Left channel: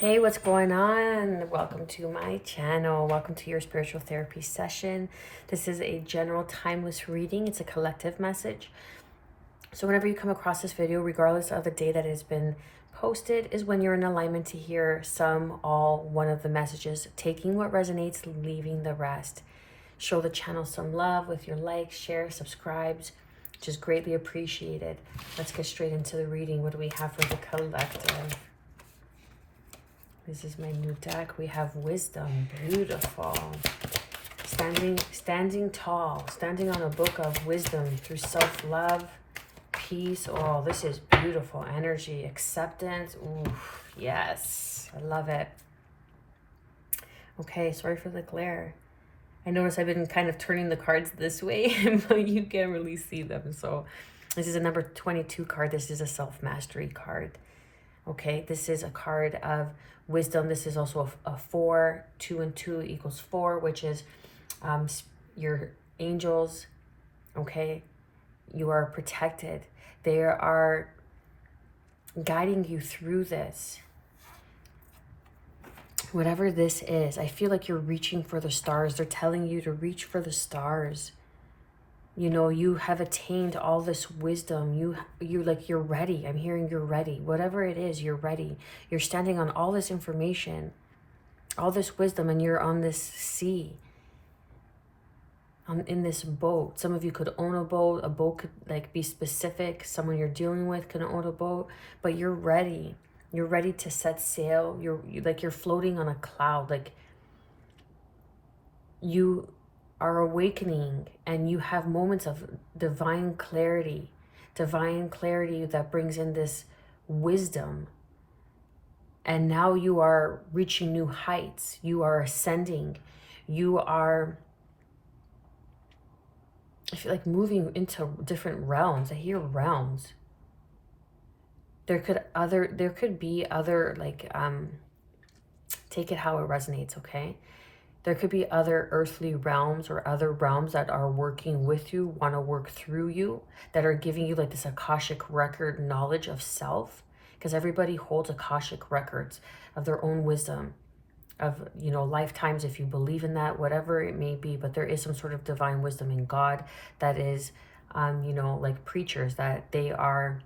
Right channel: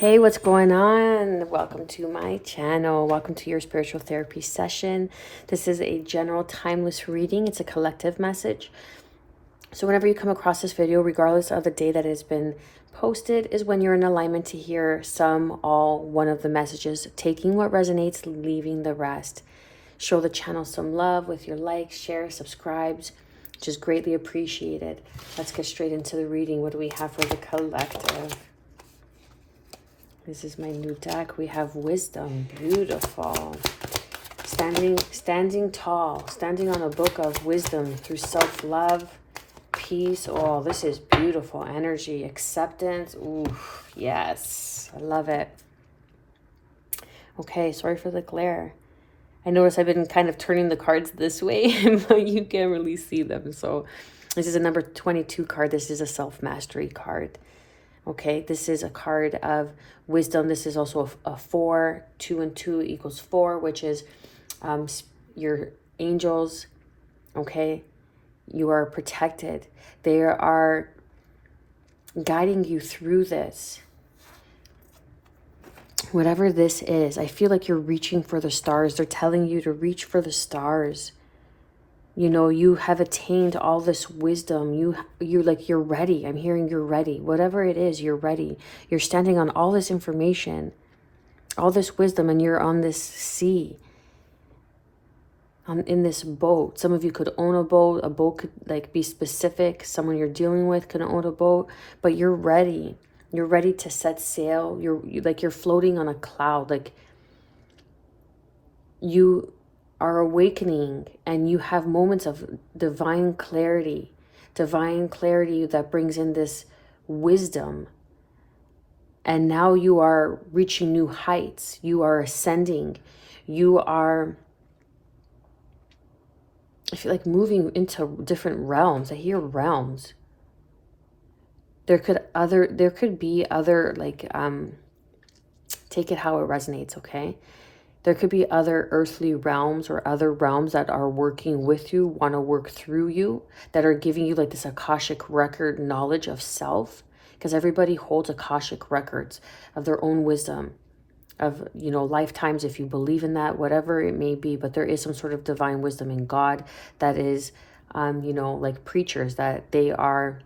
Hey, what's going on? Welcome to my channel. Welcome to your spiritual therapy session. This is a general timeless reading. It's a collective message. So whenever you come across this video, regardless of the day that it has been posted, is when you're in alignment to hear some, all, one of the messages, taking what resonates, leaving the rest. Show the channel some love with your likes, share, subscribes, which is greatly appreciated. Let's get straight into the reading. What do we have for the collective? This is my new deck. We have wisdom. Beautiful. Standing tall. Standing on a book of wisdom through self-love, peace. Oh, this is beautiful. Energy, acceptance. Ooh, yes. I love it. Okay, sorry for the glare. I notice I've been kind of turning the cards this way, but you can't really see them. So this is a number 22 card. This is a self-mastery card. Okay, this is a card of wisdom. This is also a 4. 2 and 2 equals 4, which is your angels. Okay, you are protected. They are guiding you through this. Whatever this is, I feel like you're reaching for the stars. They're telling you to reach for the stars. You know, you have attained all this wisdom. You're ready. I'm hearing you're ready. Whatever it is, you're ready. You're standing on all this information, all this wisdom, and you're on this sea, in this boat. Some of you could own a boat. A boat could like be specific. Someone you're dealing with could own a boat, but you're ready. You're ready to set sail. You're floating on a cloud. Like you are awakening and you have moments of divine clarity that brings in this wisdom. And now you are reaching new heights. You are ascending. You are, I feel like, moving into different realms. I hear realms. There could be other, like, take it how it resonates, okay? There could be other earthly realms or other realms that are working with you, want to work through you, that are giving you like this Akashic record knowledge of self, because everybody holds Akashic records of their own wisdom, of, you know, lifetimes, if you believe in that, whatever it may be. But there is some sort of divine wisdom in God that is, you know, like preachers, that they are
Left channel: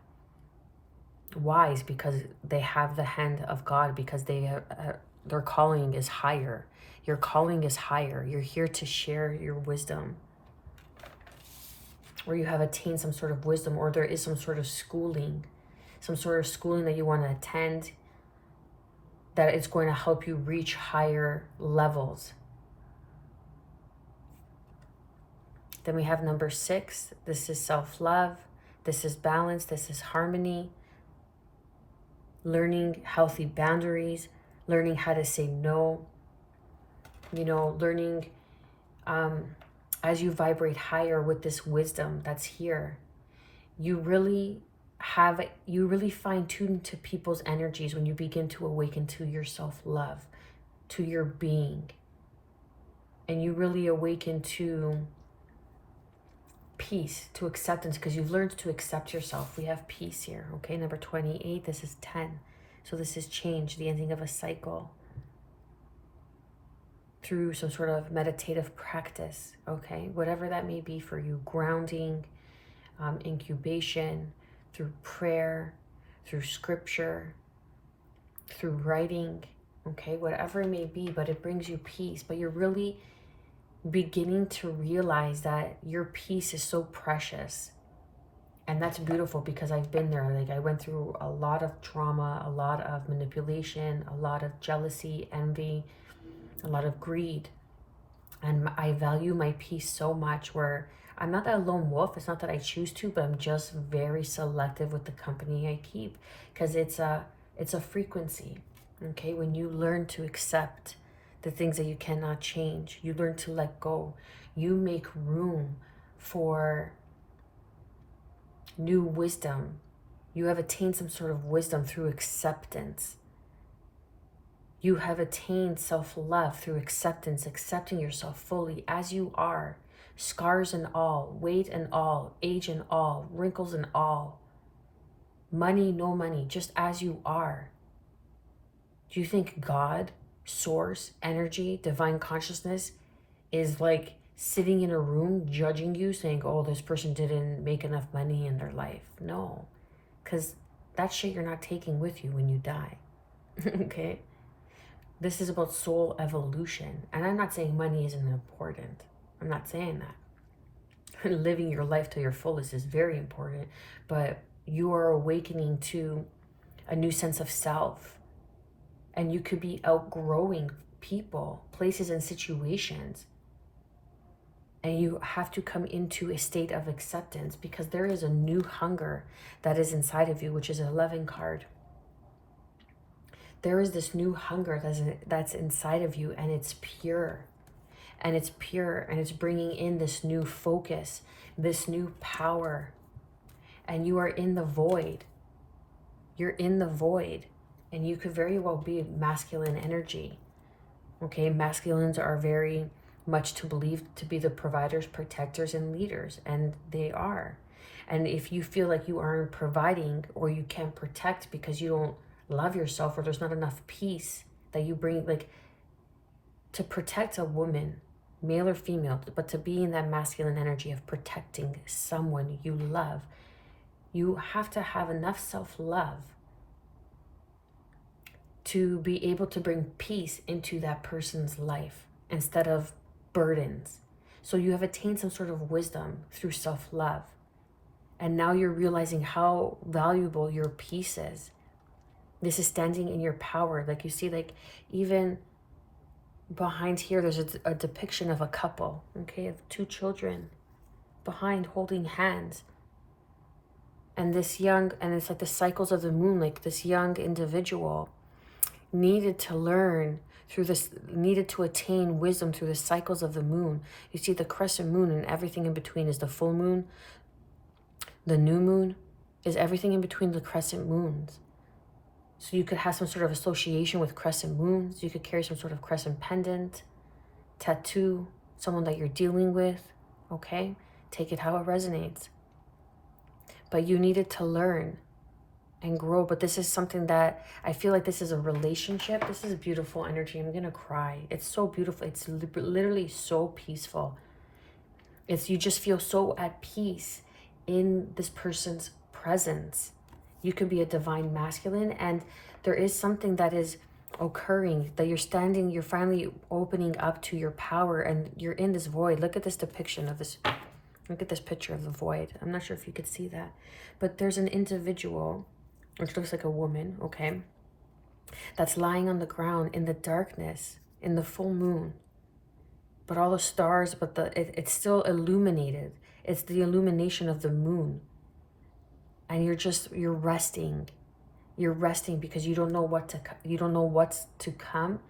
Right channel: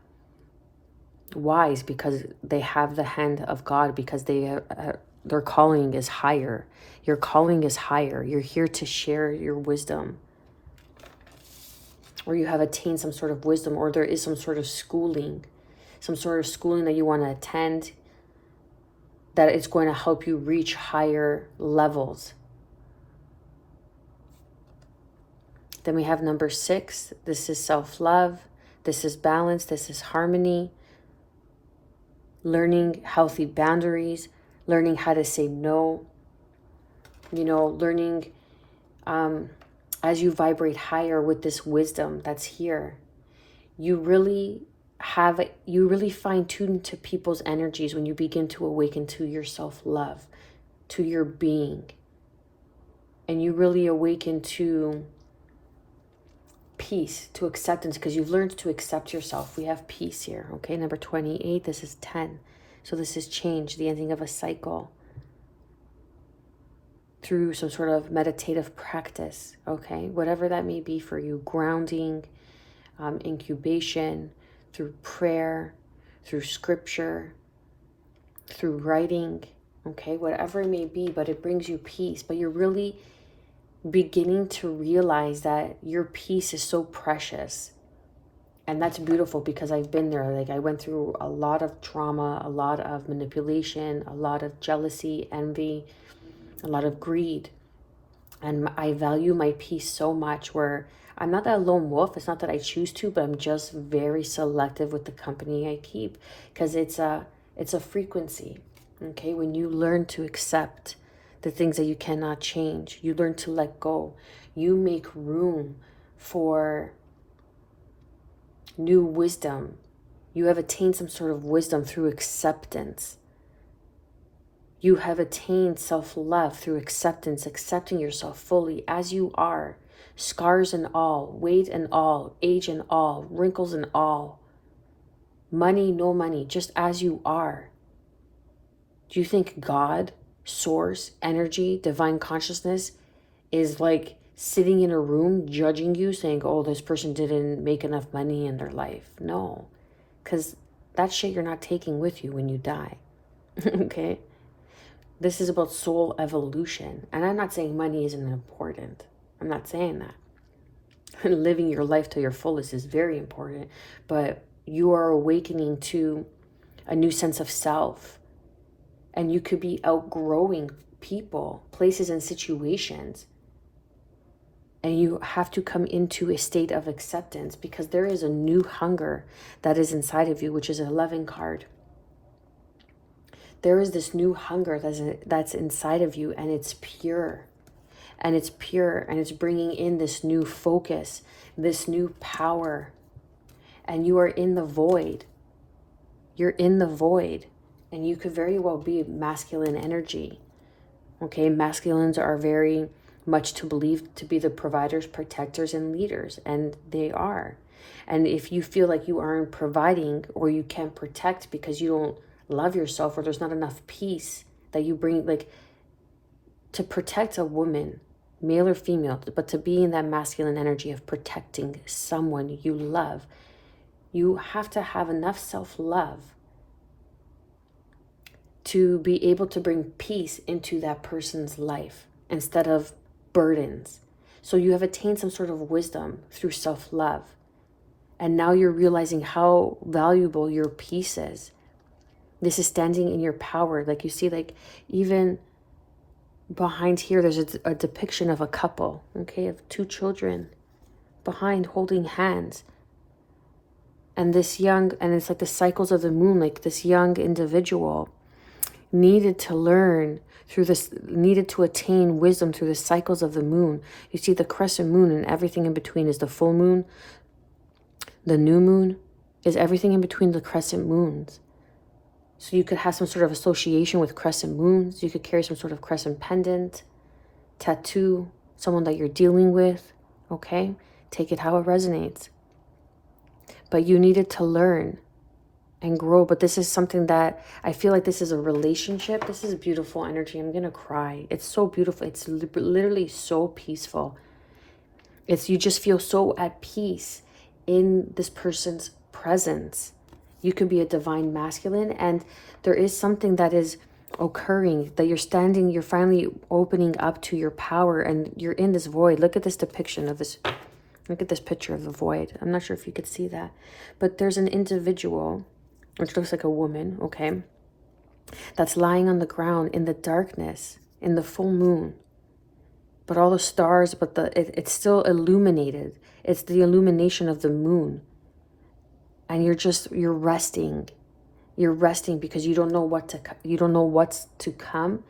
wise because they have the hand of God, because their calling is higher. Your calling is higher. You're here to share your wisdom, or you have attained some sort of wisdom, or there is some sort of schooling that you want to attend, that it's going to help you reach higher levels. Then we have number 6. This is self-love. This is balance. This is harmony. Learning healthy boundaries, learning how to say no, you know, learning as you vibrate higher with this wisdom that's here, you really fine tune to people's energies when you begin to awaken to your self-love, to your being, and you really awaken to peace, to acceptance, because you've learned to accept yourself. We have peace here. Okay, number 28. This is 10. So this is change, the ending of a cycle, through some sort of meditative practice. Okay, whatever that may be for you. Grounding, incubation, through prayer, through scripture, through writing. Okay, whatever it may be, but it brings you peace. But you're really beginning to realize that your peace is so precious. And that's beautiful, because I've been there. Like, I went through a lot of trauma, a lot of manipulation, a lot of jealousy, envy, a lot of greed. And I value my peace so much, where I'm not that lone wolf. It's not that I choose to, but I'm just very selective with the company I keep, because it's a frequency. Okay, when you learn to accept the things that you cannot change, you learn to let go, you make room for new wisdom. You have attained some sort of wisdom through acceptance. You have attained self-love through acceptance, accepting yourself fully as you are, scars and all, weight and all, age and all, wrinkles and all, money, no money, just as you are. Do you think God, source, energy, divine consciousness is like sitting in a room judging you, saying, oh, this person didn't make enough money in their life? No, because that shit you're not taking with you when you die. Okay? This is about soul evolution. And I'm not saying money isn't important. I'm not saying that. Living your life to your fullest is very important. But you are awakening to a new sense of self. And you could be outgrowing people, places, and situations. And you have to come into a state of acceptance, because there is a new hunger that is inside of you, which is an 11 card. There is this new hunger that's inside of you, and it's pure. And it's pure, and it's bringing in this new focus, this new power. And you are in the void. You're in the void. And you could very well be masculine energy. Okay, masculines are very much to believe to be the providers, protectors, and leaders. And they are. And if you feel like you aren't providing, or you can't protect because you don't love yourself, or there's not enough peace that you bring, like, to protect a woman, male or female, but to be in that masculine energy of protecting someone you love, you have to have enough self-love to be able to bring peace into that person's life instead of burdens. So you have attained some sort of wisdom through self-love. And now you're realizing how valuable your peace is. This is standing in your power. Like, you see, like, even behind here, there's a depiction of a couple, okay, of 2 children behind holding hands. And this young, and it's like the cycles of the moon, like this young individual needed to learn through this, needed to attain wisdom through the cycles of the moon. You see the crescent moon, and everything in between is the full moon. The new moon is everything in between the crescent moons. So you could have some sort of association with crescent moons. You could carry some sort of crescent pendant, tattoo, someone that you're dealing with, okay? Take it how it resonates. But you needed to learn and grow. But this is something that I feel like this is a relationship. This is a beautiful energy. I'm going to cry. It's so beautiful. It's literally so peaceful. It's, you just feel so at peace in this person's presence. You could be a divine masculine, and there is something that is occurring, that you're standing, you're finally opening up to your power, and you're in this void. Look at this depiction of this, look at this picture of the void. I'm not sure if you could see that, but there's an individual, which looks like a woman, okay, that's lying on the ground in the darkness, in the full moon, but all the stars, but it's still illuminated. It's the illumination of the moon. And you're resting. You're resting because you don't know what's to come.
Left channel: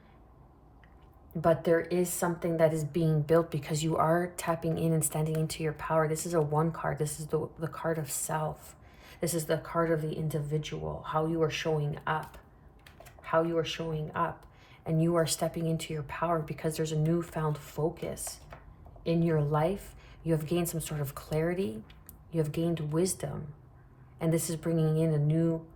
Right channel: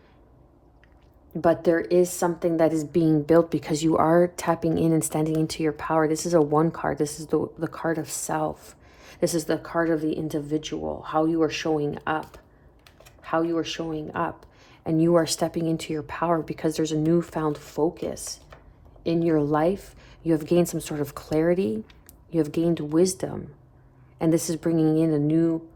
But there is something that is being built, because you are tapping in and standing into your power. This is a 1 card. This is the card of self. This is the card of the individual, how you are showing up. How you are showing up. And you are stepping into your power because there's a newfound focus in your life. You have gained some sort of clarity. You have gained wisdom. And this is bringing in a new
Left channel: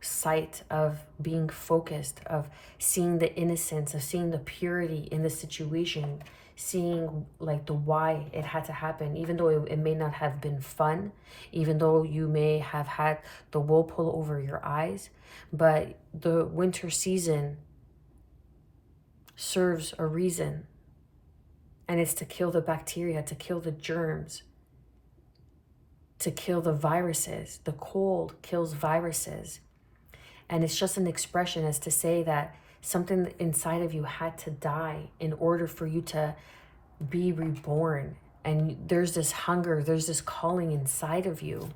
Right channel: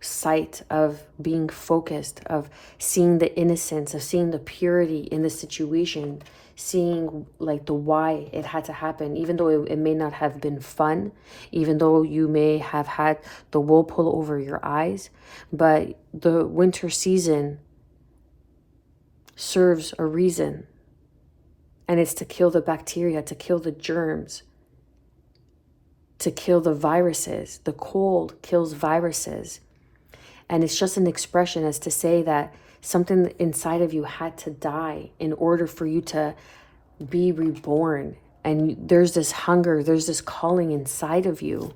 sight of being focused, of seeing the innocence, of seeing the purity in the situation, seeing like the why it had to happen, even though it may not have been fun, even though you may have had the wool pull over your eyes. But the winter season serves a reason. And it's to kill the bacteria, to kill the germs, to kill the viruses. The cold kills viruses. And it's just an expression as to say that something inside of you had to die in order for you to be reborn. And there's this hunger, there's this calling inside of you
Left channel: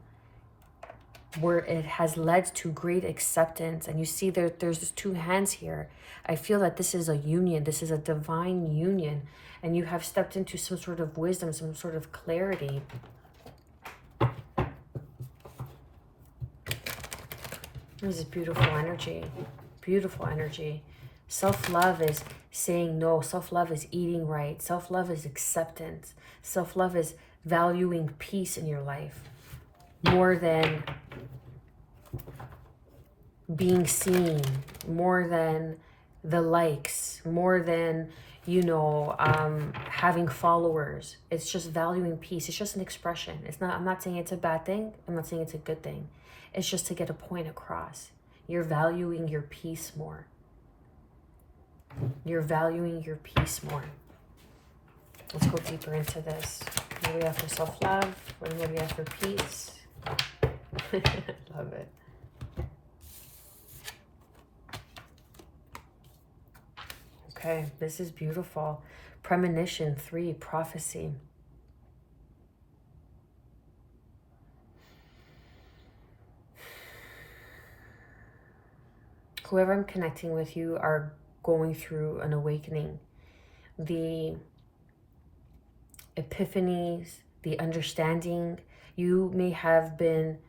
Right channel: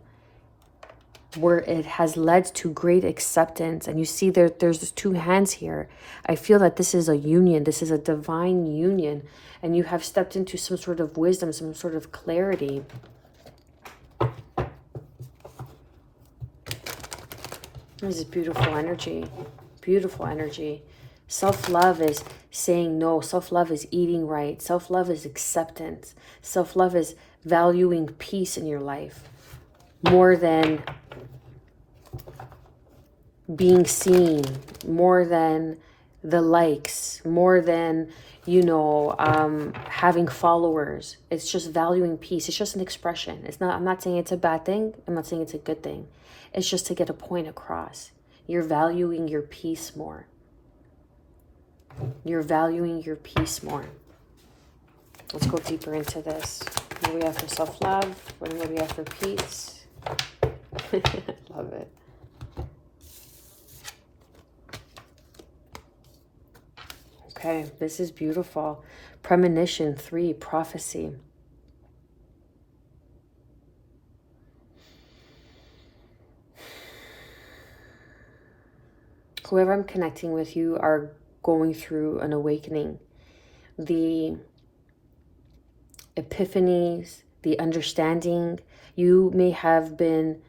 where it has led to great acceptance. And you see there's 2 hands here. I feel that this is a union. This is a divine union. And you have stepped into some sort of wisdom, some sort of clarity. This is beautiful energy. Beautiful energy. Self-love is saying no. Self-love is eating right. Self-love is acceptance. Self-love is valuing peace in your life more than being seen, more than the likes, more than, you know, having followers. It's just valuing peace. It's just an expression. It's not, I'm not saying it's a bad thing. I'm not saying it's a good thing. It's just to get a point across. You're valuing your peace more. You're valuing your peace more. Let's go deeper into this. What do we have for self-love? What do we have for peace? Love it. Okay, this is beautiful. Premonition 3, prophecy. Whoever I'm connecting with, you are going through an awakening. The epiphanies, the understanding, you may have been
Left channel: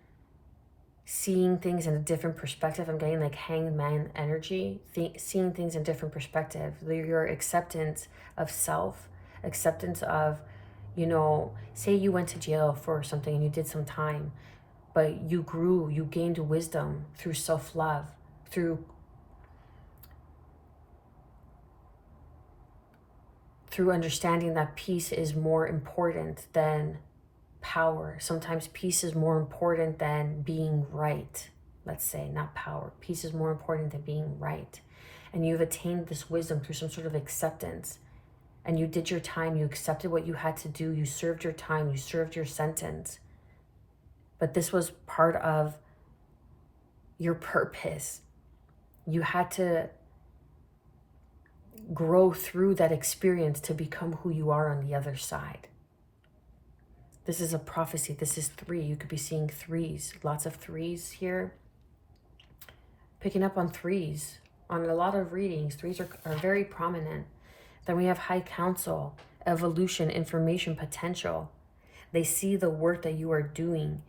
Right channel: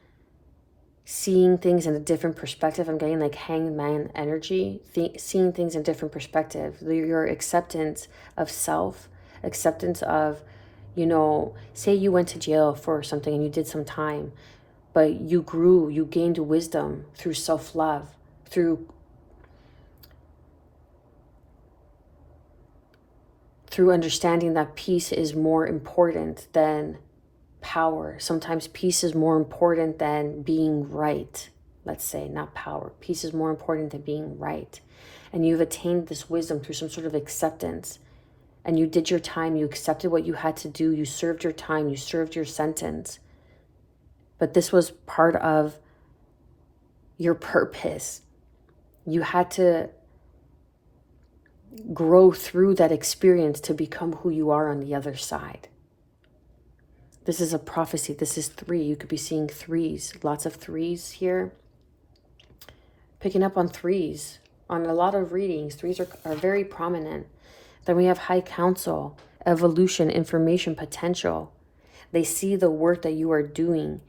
seeing things in a different perspective. I'm getting like hangman energy, seeing things in a different perspective. Your acceptance of self, acceptance of, you know, say you went to jail for something and you did some time, but you grew, you gained wisdom through self-love, through understanding that peace is more important than power. Sometimes peace is more important than being right. Let's say, not power. Peace is more important than being right. And you've attained this wisdom through some sort of acceptance. And you did your time. You accepted what you had to do. You served your time. You served your sentence. But this was part of your purpose. You had to grow through that experience to become who you are on the other side. This is a prophecy. This is 3. You could be seeing 3s. Lots of 3s here. Picking up on 3s. On a lot of readings, 3s are very prominent. Then we have high council, evolution, information, potential. They see the work that you are doing.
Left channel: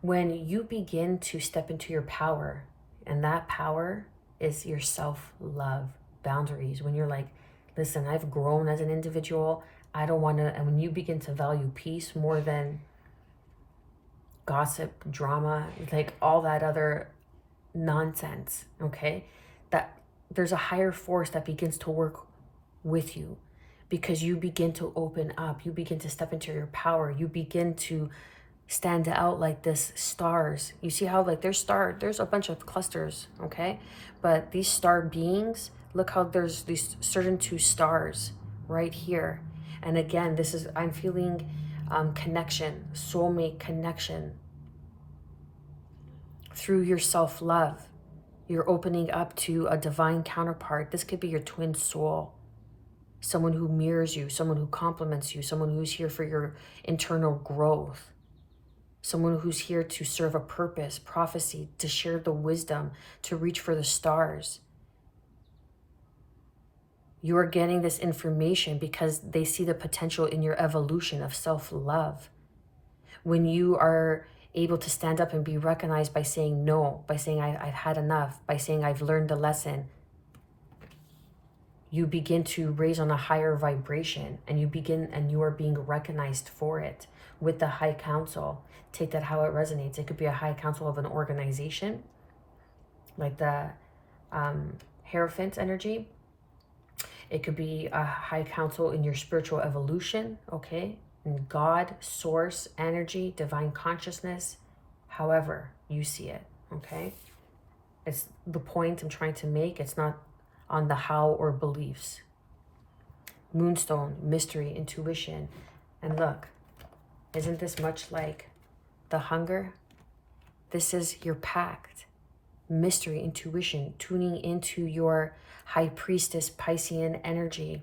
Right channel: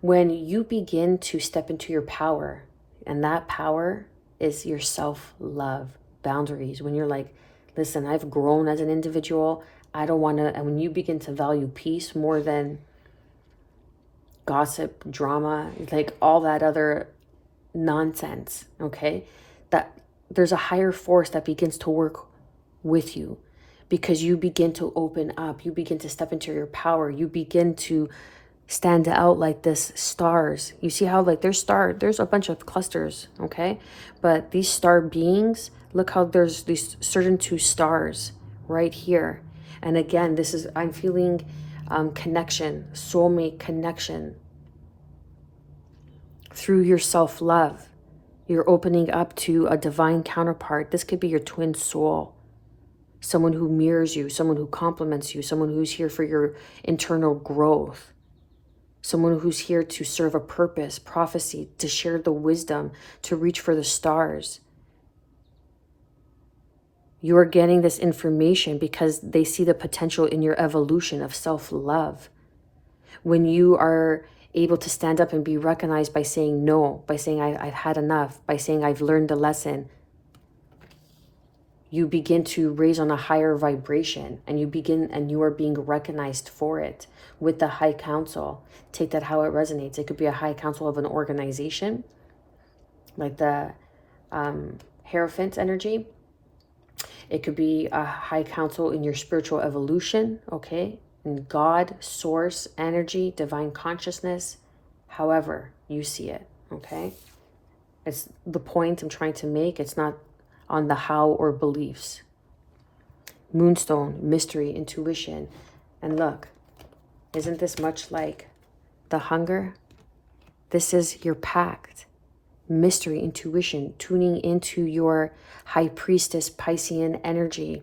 When you begin to step into your power, and that power is your self-love, boundaries. When you're like, listen, I've grown as an individual. I don't want to, and when you begin to value peace more than gossip, drama, like all that other nonsense, okay? That there's a higher force that begins to work with you because you begin to open up. You begin to step into your power. You begin to stand out like this stars. You see how like there's a bunch of clusters, okay? But these star beings, look how there's these certain 2 stars right here. And again, this is, I'm feeling connection, soulmate connection. Through your self-love, you're opening up to a divine counterpart. This could be your twin soul. Someone who mirrors you, someone who complements you, someone who's here for your internal growth. Someone who's here to serve a purpose, prophecy, to share the wisdom, to reach for the stars. You are getting this information because they see the potential in your evolution of self-love. When you are able to stand up and be recognized by saying no, by saying I've had enough, by saying I've learned the lesson, you begin to raise on a higher vibration, and you are being recognized for it with the high council. Take that how it resonates. It could be a high council of an organization, like the Hierophant energy. It could be a high council in your spiritual evolution, okay? In God, source, energy, divine consciousness, however you see it, okay? It's the point I'm trying to make. It's not on the how or beliefs. Moonstone, mystery, intuition. And look, isn't this much like the hunger? This is your pact. Mystery, intuition, tuning into your high priestess Piscean energy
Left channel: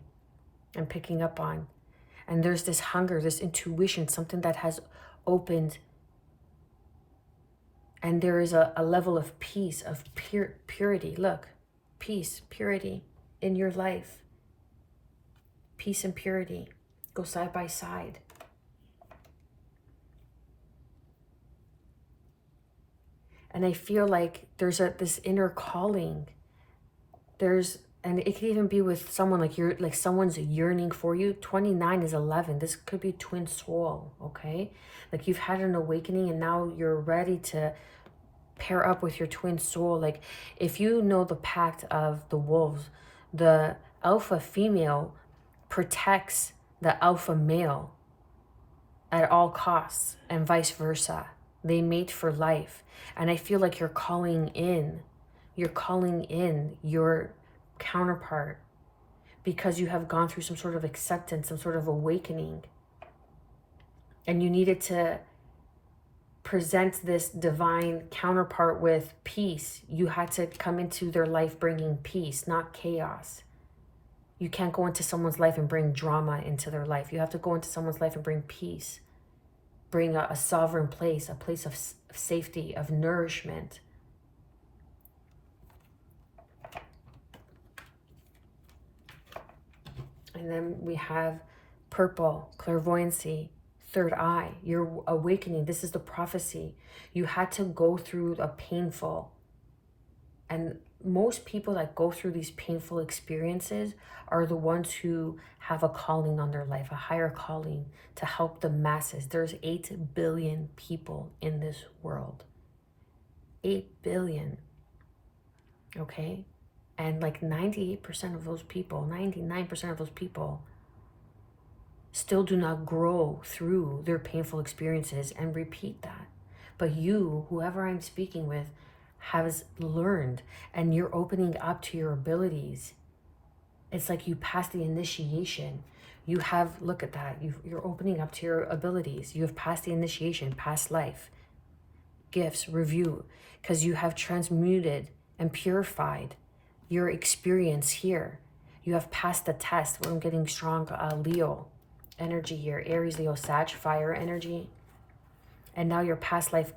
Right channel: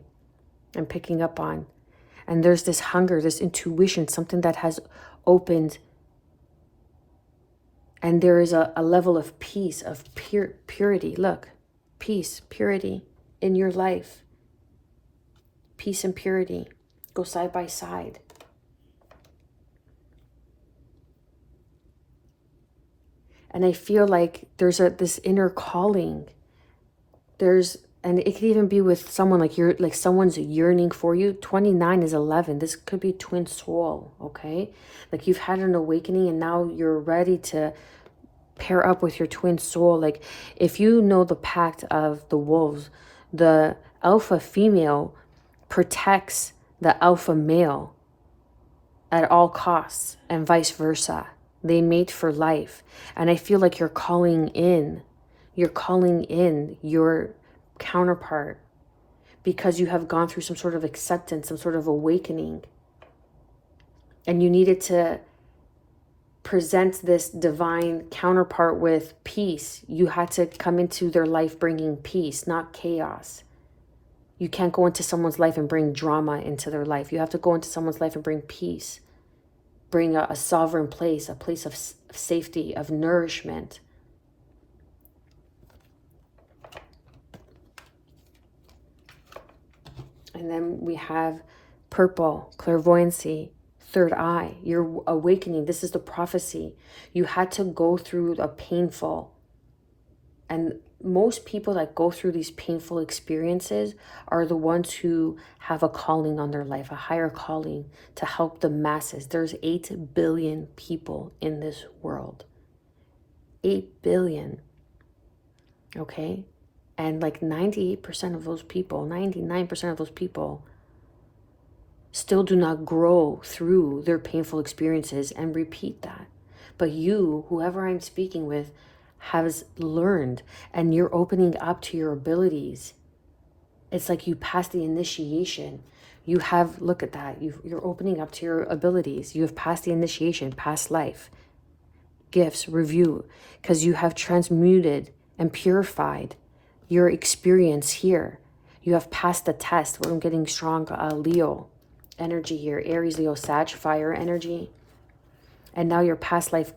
and picking up on. And there's this hunger, this intuition, something that has opened. And there is a level of peace, of purity. Look, peace, purity in your life. Peace and purity go side by side. And I feel like there's this inner calling. And it could even be with someone like someone's yearning for you. 29 is 11. This could be twin soul, okay? Like you've had an awakening and now you're ready to pair up with your twin soul. Like, if you know the pact of the wolves, the alpha female protects the alpha male at all costs, and vice versa. They mate for life. And I feel like you're calling in your counterpart because you have gone through some sort of acceptance, some sort of awakening. And you needed to present this divine counterpart with peace. You had to come into their life bringing peace, not chaos. You can't go into someone's life and bring drama into their life. You have to go into someone's life and bring peace. Bring a sovereign place, a place of safety, of nourishment. And then we have purple, clairvoyancy, third eye. You're awakening. This is the prophecy. You had to go through a painful, and most people that go through these painful experiences are the ones who have a calling on their life, a higher calling to help the masses. There's 8 billion people in this world. 8 billion. Okay? And like 98% of those people, 99% of those people still do not grow through their painful experiences and repeat that. But you, whoever I'm speaking with, has learned, and you're opening up to your abilities. It's like you passed the initiation. You have, look at that, you're opening up to your abilities. You have passed the initiation, past life, gifts, review, because you have transmuted and purified your experience here. You have passed the test. I'm getting strong Leo energy here, Aries, Leo, Sag, fire energy. And now your past life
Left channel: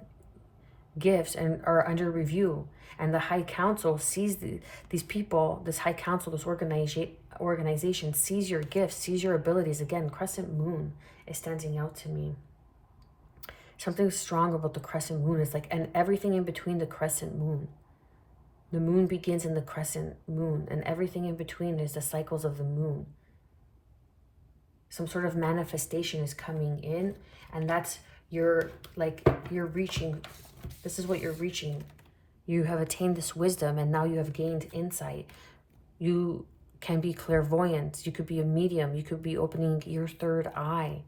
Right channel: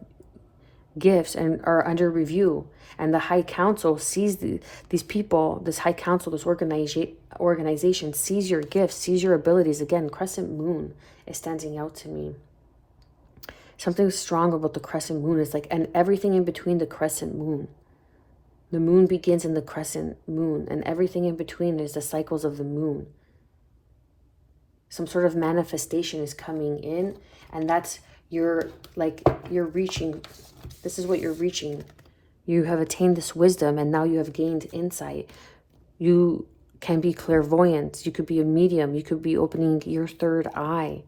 gifts and are under review, and the high council sees these people, this high council, this organization sees your gifts, sees your abilities. Again, crescent moon is standing out to me. Something strong about the crescent moon is like, and everything in between the crescent moon. The moon begins in the crescent moon, and everything in between is the cycles of the moon. Some sort of manifestation is coming in, and that's you're reaching. This is what you're reaching. You have attained this wisdom, and now you have gained insight. You can be clairvoyant. You could be a medium. You could be opening your third eye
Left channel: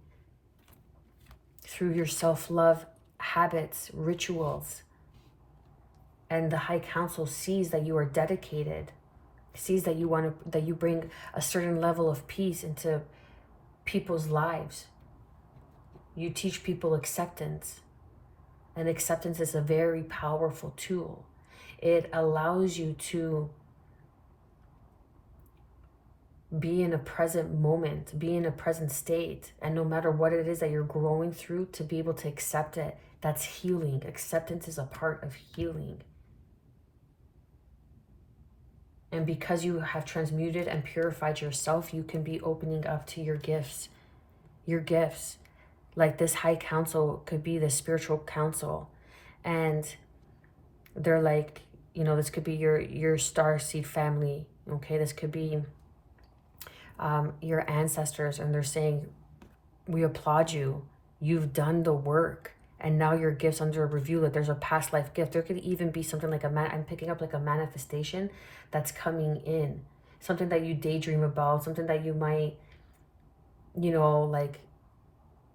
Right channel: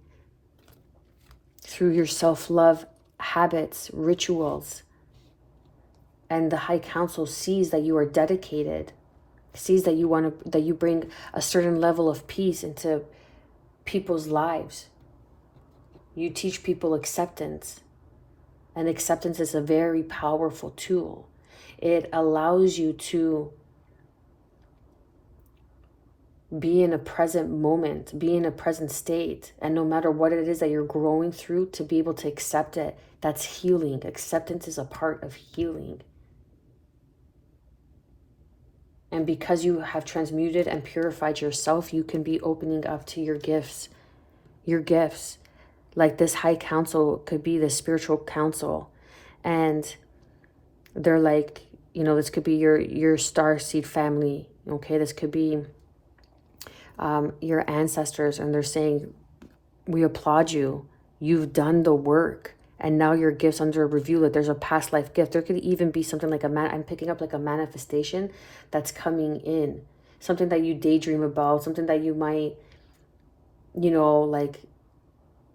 through your self-love habits, rituals. And the high council sees that you are dedicated, sees that you bring a certain level of peace into people's lives. You teach people acceptance. And acceptance is a very powerful tool. It allows you to be in a present moment, be in a present state. And no matter what it is that you're growing through, to be able to accept it, that's healing. Acceptance is a part of healing. And because you have transmuted and purified yourself, you can be opening up to your gifts. Your gifts. Like this high council could be the spiritual council. And they're like, this could be your star seed family. Okay, this could be your ancestors. And they're saying, we applaud you. You've done the work. And now your gifts under review, that there's a past life gift. There could even be something like I'm picking up like a manifestation that's coming in. Something that you daydream about, something that you might, like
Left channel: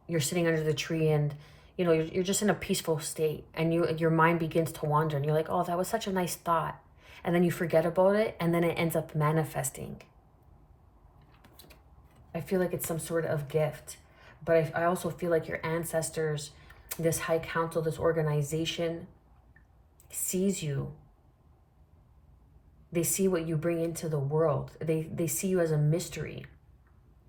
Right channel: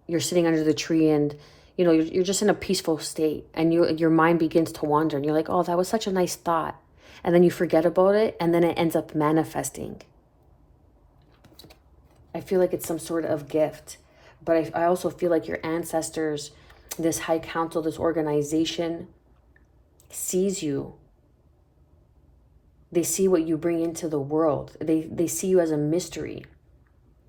you're sitting under the tree and, you're just in a peaceful state, and your mind begins to wander, and you're like, oh, that was such a nice thought. And then you forget about it, and then it ends up manifesting. I feel like it's some sort of gift. But I also feel like your ancestors, this high council, this organization sees you. They see what you bring into the world. They see you as a mystery,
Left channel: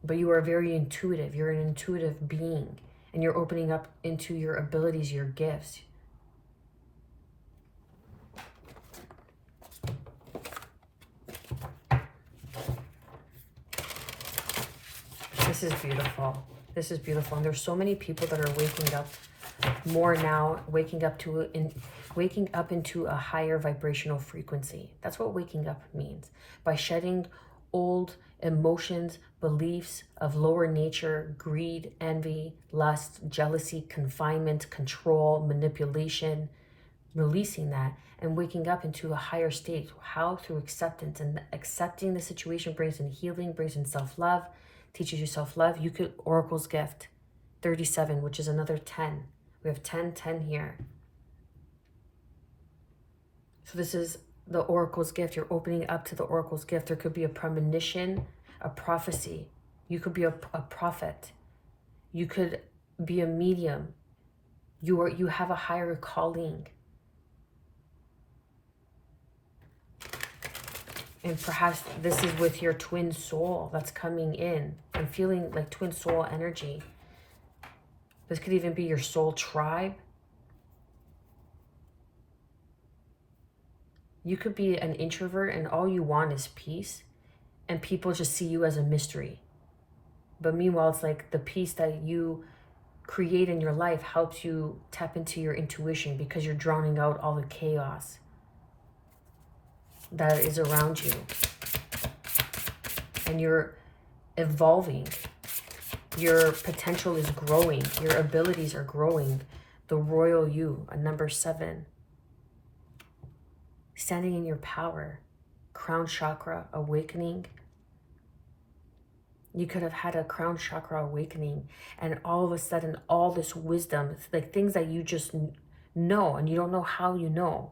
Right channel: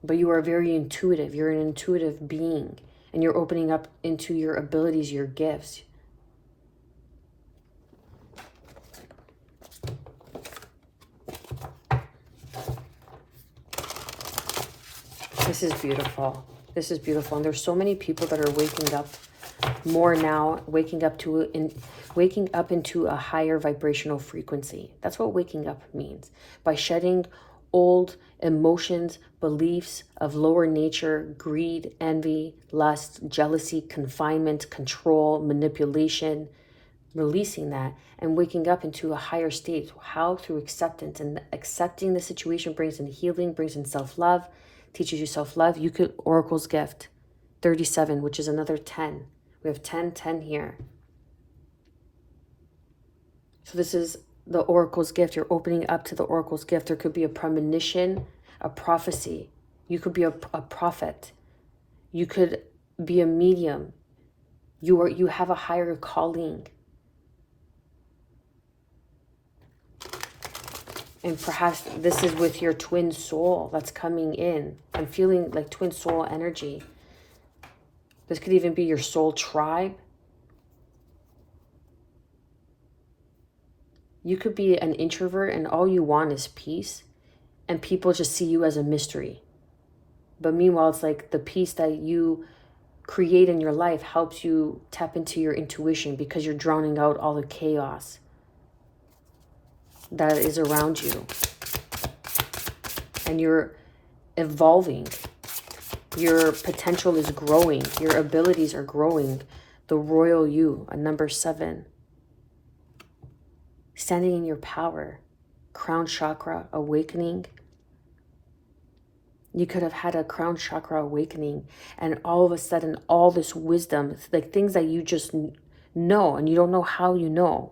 but you are very intuitive. You're an intuitive being, and you're opening up into your abilities, your gifts. This is beautiful. This is beautiful. And there's so many people that are waking up more now, waking up into a higher vibrational frequency. That's what waking up means. By shedding old emotions, beliefs of lower nature, greed, envy, lust, jealousy, confinement, control, manipulation, releasing that and waking up into a higher state. How? Through acceptance. And accepting the situation brings in healing, brings in self-love, teaches you self-love. You could, Oracle's gift, 37, which is another 10. We have 10, 10 here. So this is the Oracle's gift. You're opening up to the Oracle's gift. There could be a premonition, a prophecy. You could be a prophet. You could be a medium. You have a higher calling. And perhaps this is with your twin soul that's coming in. I'm feeling like twin soul energy. This could even be your soul tribe. You could be an introvert and all you want is peace. And people just see you as a mystery. But meanwhile, it's like the peace that you create in your life helps you tap into your intuition because you're drowning out all the chaos that is around you. And you're evolving. Your potential is growing. Your abilities are growing. The royal you, a number 7. Standing in your power. Crown chakra awakening. You could have had a crown chakra awakening and all of a sudden all this wisdom, like things that you just know and you don't know how you know,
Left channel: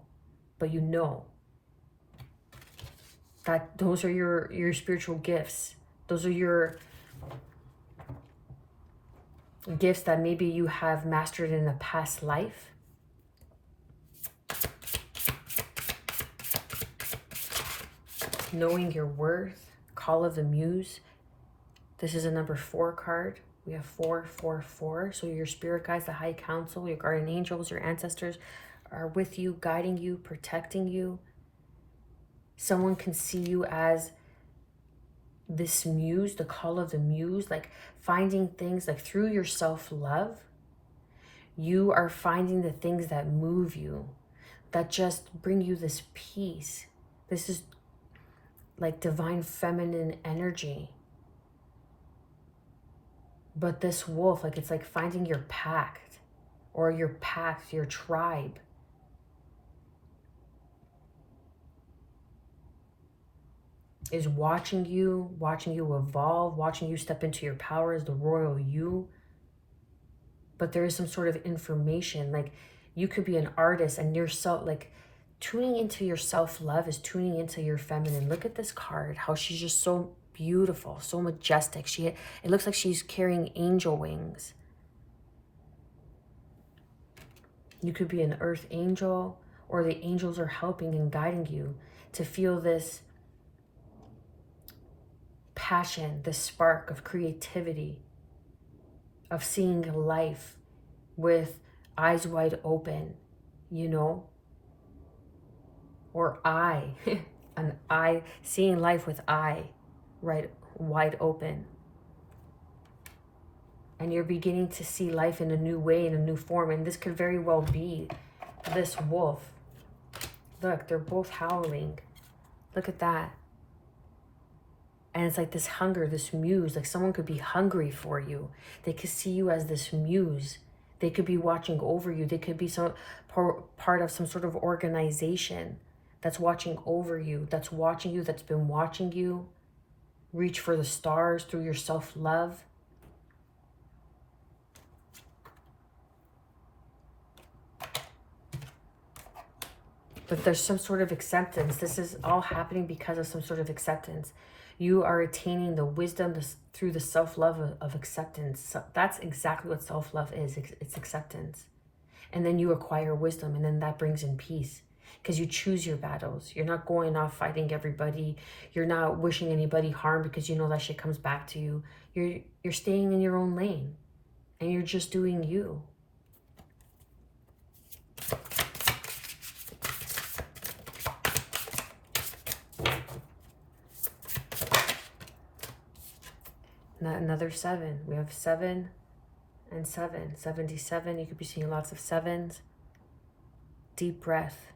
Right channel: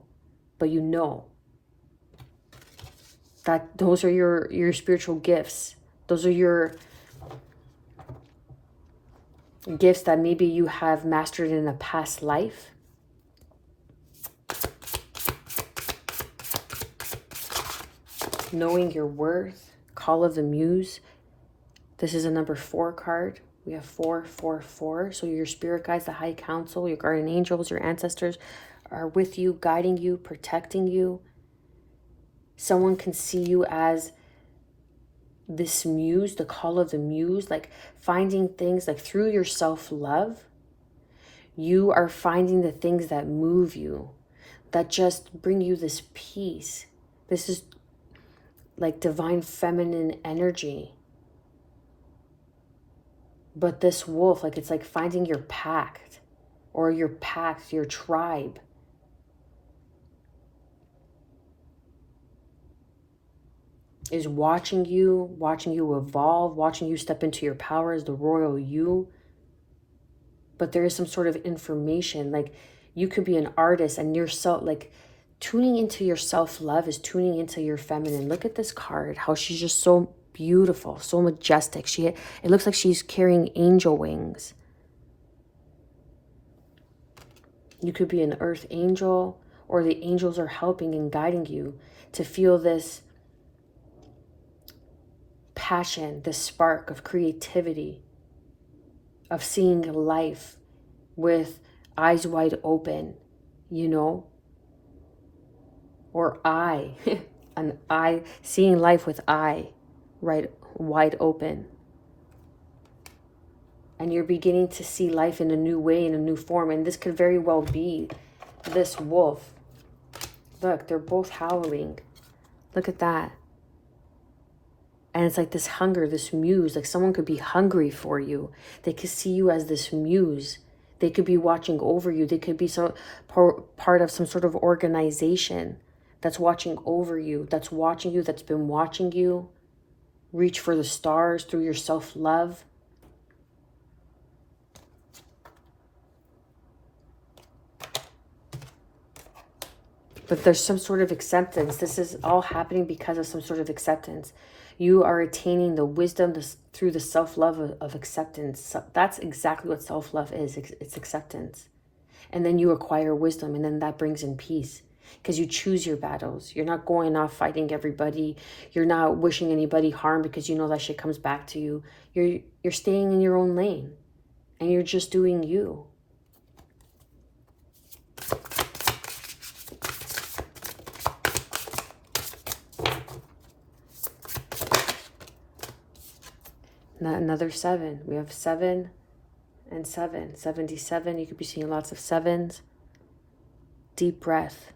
but you know. That those are your spiritual gifts. Those are your gifts that maybe you have mastered in a past life. Knowing your worth, call of the muse. This is a number 4 card. We have 4, 4, 4. So your spirit guides, the high council, your guardian angels, your ancestors are with you, guiding you, protecting you. Someone can see you as this muse, the call of the muse, like finding things like through your self-love. You are finding the things that move you, that just bring you this peace. This is like divine feminine energy. But this wolf, like it's like finding your pact or your pact, your tribe. Is watching you evolve, watching you step into your power as the royal you. But there is some sort of information, like you could be an artist and yourself, like tuning into your self-love is tuning into your feminine. Look at this card, how she's just so beautiful, so majestic. It looks like she's carrying angel wings. You could be an earth angel, or the angels are helping and guiding you to feel this passion, this spark of creativity, of seeing life with eyes wide open, you know, or an eye, seeing life with eye right wide open. And you're beginning to see life in a new way, in a new form. And this could very well be this wolf. Look, they're both howling. Look at that. And it's like this hunger, this muse, like someone could be hungry for you. They could see you as this muse. They could be watching over you. They could be some part of some sort of organization that's watching over you, that's watching you, that's been watching you. Reach for the stars through your self-love. But there's some sort of acceptance. This is all happening because of some sort of acceptance. You are attaining the wisdom through the self-love of acceptance. So that's exactly what self-love is. It's acceptance. And then you acquire wisdom, and then that brings in peace. Because you choose your battles. You're not going off fighting everybody. You're not wishing anybody harm because you know that shit comes back to you. You're staying in your own lane. And you're just doing you. Another 7. We have 7 and 7. 77. You could be seeing lots of 7s. Deep breath.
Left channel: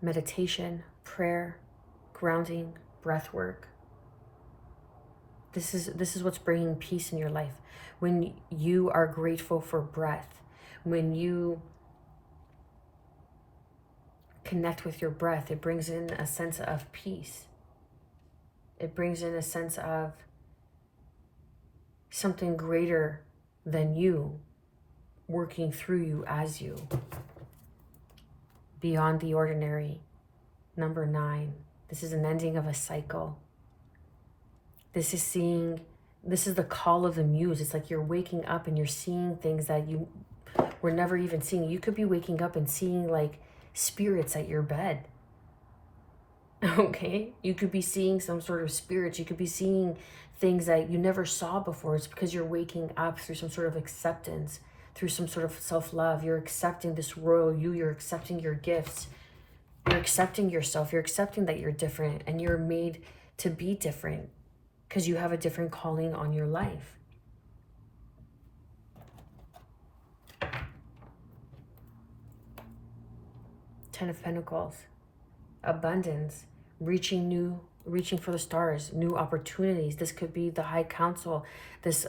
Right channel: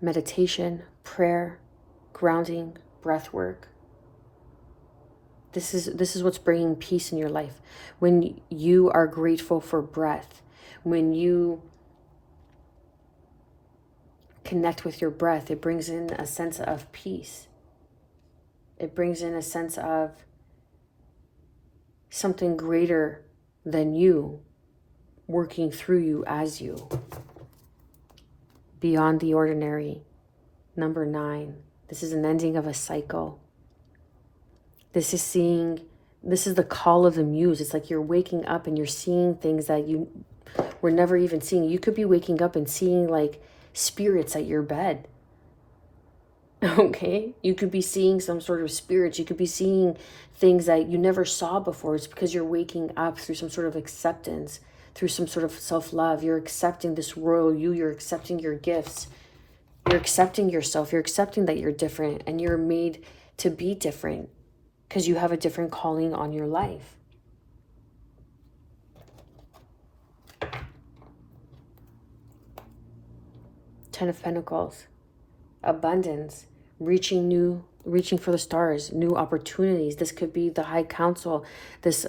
Meditation, prayer, grounding, breath work. This is what's bringing peace in your life. When you are grateful for breath, when you connect with your breath, it brings in a sense of peace. It brings in a sense of something greater than you working through you as you. Beyond the ordinary. Number 9. This is an ending of a cycle. This is the call of the muse. It's like you're waking up and you're seeing things that you were never even seeing. You could be waking up and seeing like spirits at your bed. Okay? You could be seeing some sort of spirits. You could be seeing things that you never saw before. It's because you're waking up through some sort of acceptance, through some sort of self-love. You're accepting this royal you. You're accepting your gifts. You're accepting yourself. You're accepting that you're different and you're made to be different because you have a different calling on your life. Ten of Pentacles. Abundance. Reaching for the stars. New opportunities. This could be the High Council. This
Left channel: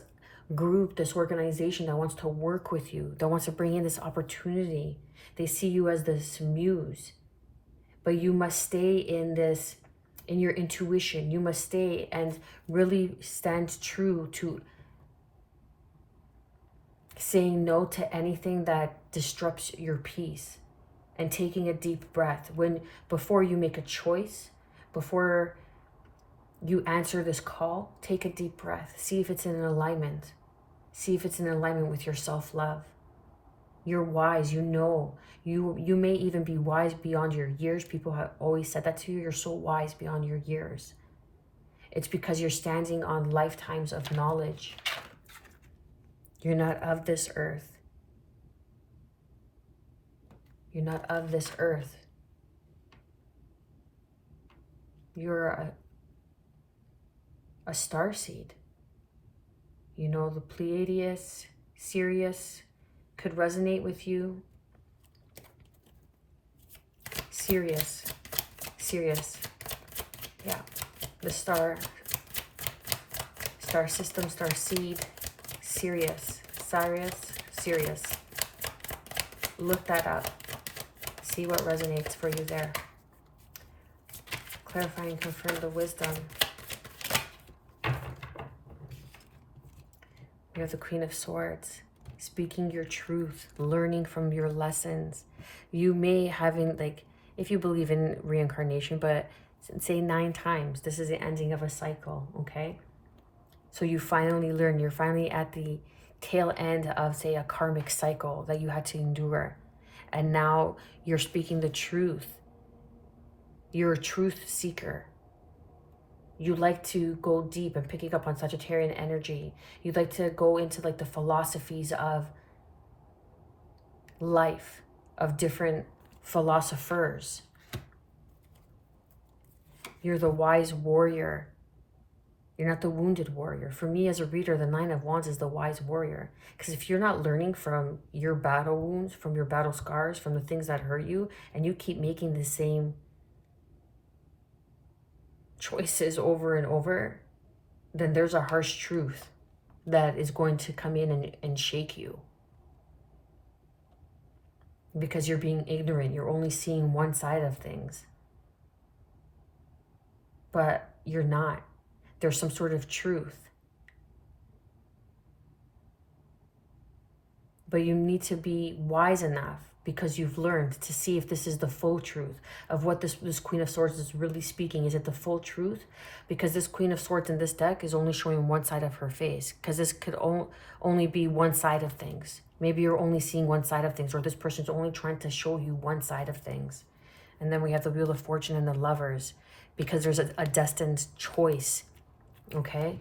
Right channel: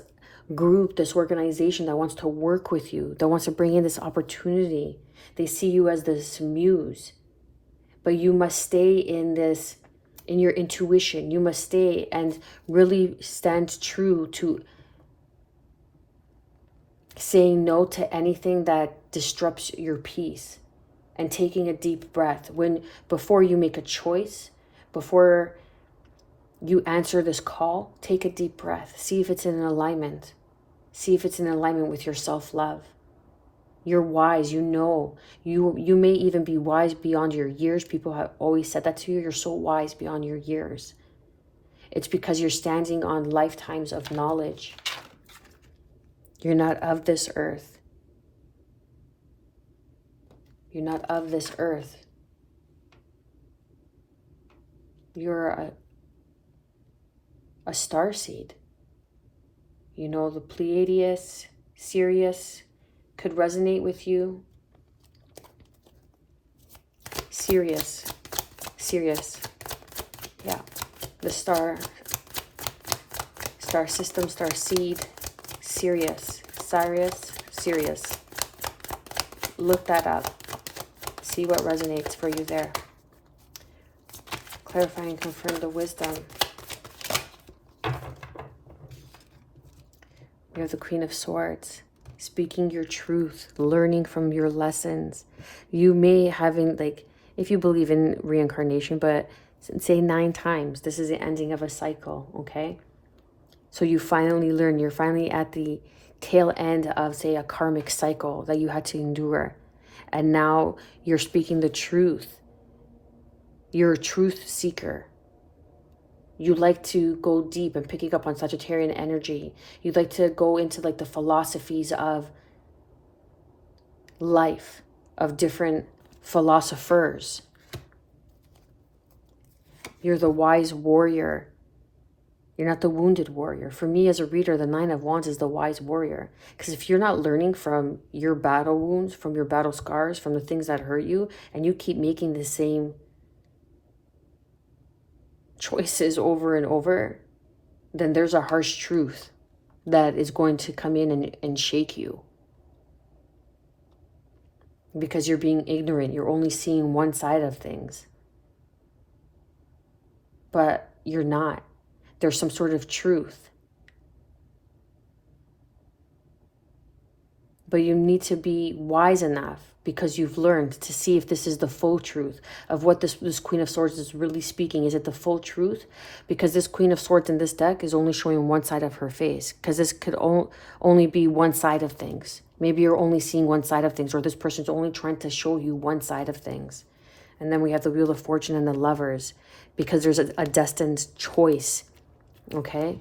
group, this organization that wants to work with you. That wants to bring in this opportunity. They see you as this muse. But you must stay in your intuition. You must stay and really stand true to saying no to anything that disrupts your peace and taking a deep breath. Before you make a choice, before you answer this call, take a deep breath. See if it's in alignment. See if it's in alignment with your self-love. You're wise, you know. You may even be wise beyond your years. People have always said that to you. You're so wise beyond your years. It's because you're standing on lifetimes of knowledge. You're not of this earth. You're not of this earth. You're a starseed. You know, the Pleiades, Sirius could resonate with you. Sirius. Yeah. The star system, star seed, Sirius. Look that up. See what resonates for you there. Clarify and confirm the wisdom. You have the Queen of Swords. Speaking your truth, learning from your lessons. You may if you believe in reincarnation, but say 9 times, this is the ending of a cycle, okay? So you finally learn, you're finally at the tail end of, say, a karmic cycle that you had to endure. And now you're speaking the truth. You're a truth seeker. You like to go deep and picking up on Sagittarian energy. You'd like to go into like the philosophies of life, of different philosophers. You're the wise warrior. You're not the wounded warrior. For me as a reader, the 9 of Wands is the wise warrior. Because if you're not learning from your battle wounds, from your battle scars, from the things that hurt you, and you keep making the same choices over and over, then there's a harsh truth that is going to come in and shake you. Because you're being ignorant. You're only seeing one side of things. But you're not. There's some sort of truth. But you need to be wise enough, because you've learned, to see if this is the full truth of what this Queen of Swords is really speaking. Is it the full truth? Because this Queen of Swords in this deck is only showing one side of her face. Because this could only be one side of things. Maybe you're only seeing one side of things, or this person's only trying to show you one side of things. And then we have the Wheel of Fortune and the Lovers, because there's a destined choice, okay?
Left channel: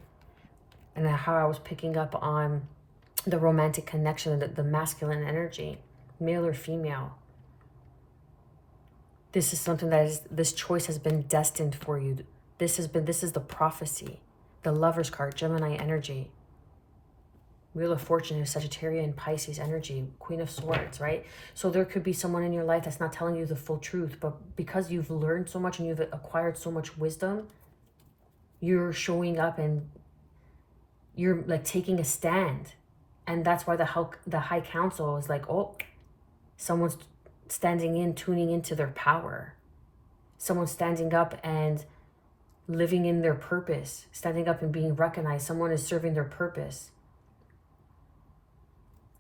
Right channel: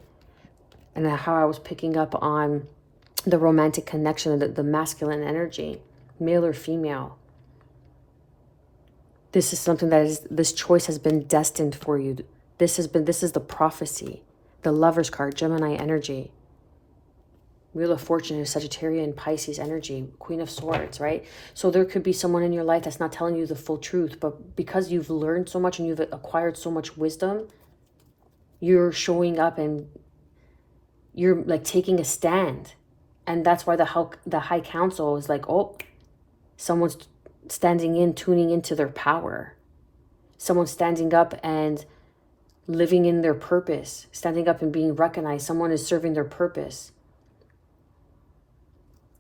And how I was picking up on the romantic connection, the masculine energy, male or female. This is something this choice has been destined for you. This is the prophecy. The Lover's card, Gemini energy. Wheel of Fortune is Sagittarian, Pisces energy, Queen of Swords, right? So there could be someone in your life that's not telling you the full truth, but because you've learned so much and you've acquired so much wisdom, you're showing up and you're like taking a stand. And that's why the High Council is like, oh, someone's standing in, tuning into their power. Someone standing up and living in their purpose, standing up and being recognized. Someone is serving their purpose.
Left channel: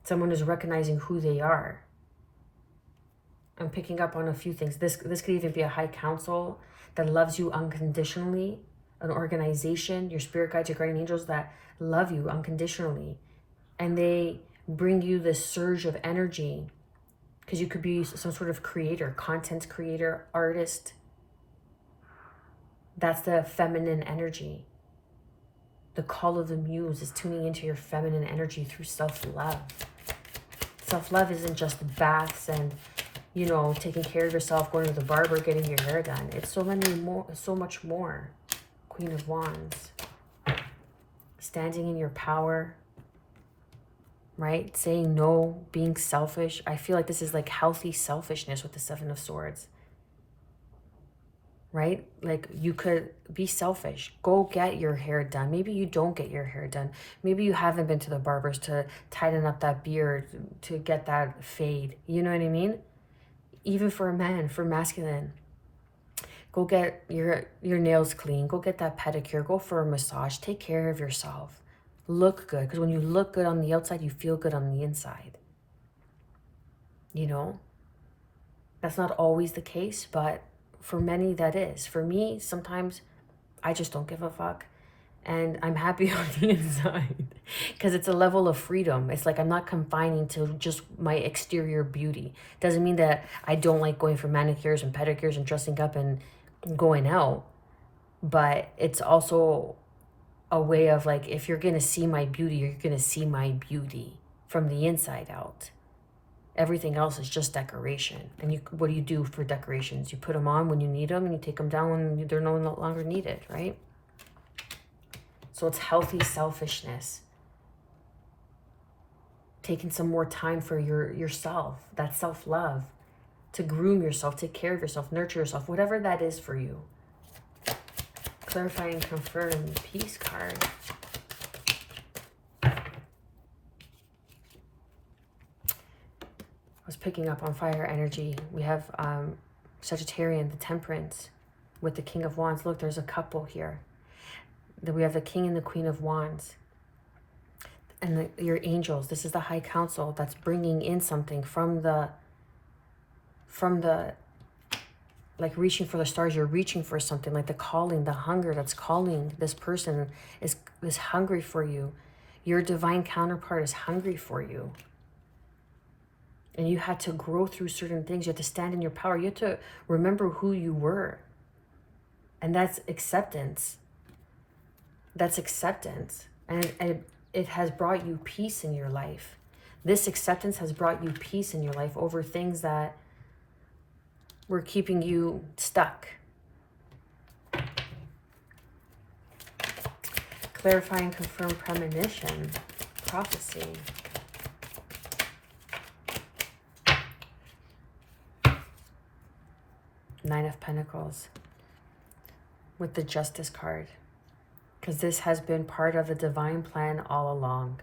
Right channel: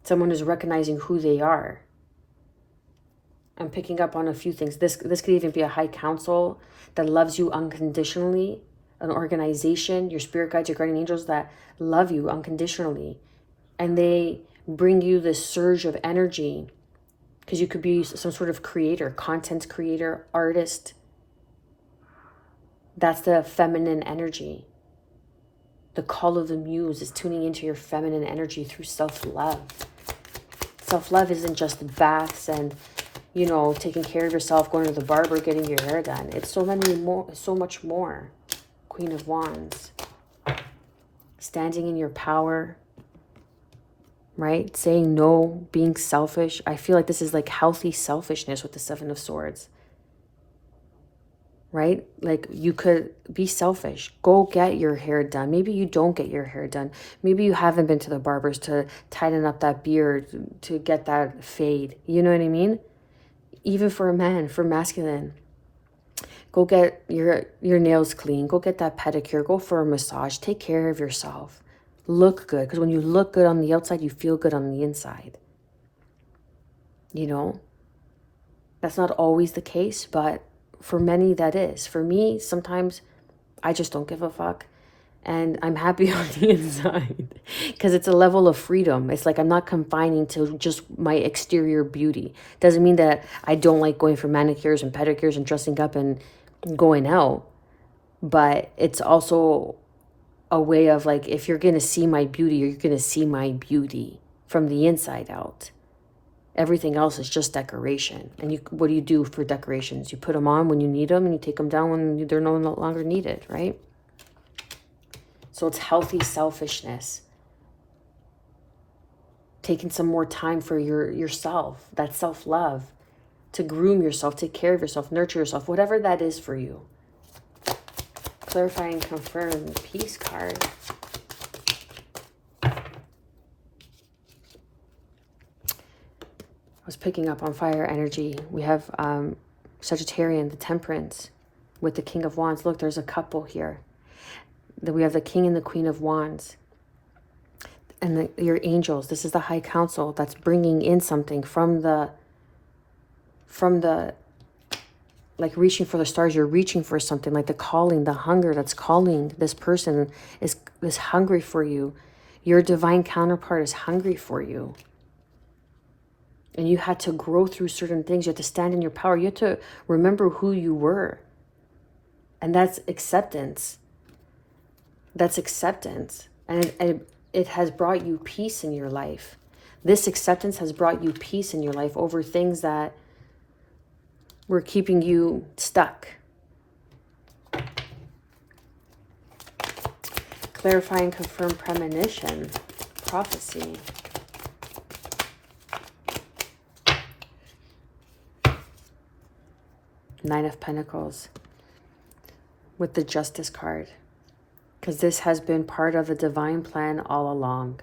Someone is recognizing who they are. I'm picking up on a few things. This could even be a high council that loves you unconditionally, an organization, your spirit guides, your guardian angels that love you unconditionally. And they bring you this surge of energy because you could be some sort of creator, content creator, artist. That's the feminine energy. The call of the muse is tuning into your feminine energy through self-love. Self-love isn't just baths and, you know, taking care of yourself, going to the barber, getting your hair done. It's so much more. Queen of Wands. Standing in your power, right? Saying no, being selfish. I feel like this is like healthy selfishness with the Seven of Swords. Right? Like you could be selfish. Go get your hair done. Maybe you don't get your hair done. Maybe you haven't been to the barbers to tighten up that beard, to get that fade. You know what I mean? Even for a man, for masculine. Go get your nails clean. Go get that pedicure. Go for a massage. Take care of yourself. Look good. Because when you look good on the outside, you feel good on the inside. You know? That's not always the case, but for many that is. For me, sometimes I just don't give a fuck. And I'm happy on the inside. Because it's a level of freedom. It's like I'm not confining to just my exterior beauty. Doesn't mean that I don't like going for manicures and pedicures and dressing up and going out. But it's also a way of like, if you're going to see my beauty, you're going to see my beauty from the inside out. Everything else is just decoration. And what do you do for decorations? You put them on when you need them and you take them down when they're no longer needed, right? So it's healthy selfishness. Taking some more time for yourself, that self-love, to groom yourself, take care of yourself, nurture yourself, whatever that is for you. Clarify and confirm peace card. I was picking up on fire energy. We have Sagittarian, the Temperance, with the King of Wands. Look, there's a couple here. We have the King and the Queen of Wands. And your angels. This is the High Council that's bringing in something from the, like reaching for the stars. You're reaching for something, like the calling, the hunger that's calling. This person is hungry for you. Your divine counterpart is hungry for you. And you had to grow through certain things. You had to stand in your power. You had to remember who you were. And that's acceptance. That's acceptance. And it has brought you peace in your life. This acceptance has brought you peace in your life over things that were keeping you stuck. Clarify and confirm premonition, prophecy. Nine of Pentacles with the Justice card. Because this has been part of the divine plan all along.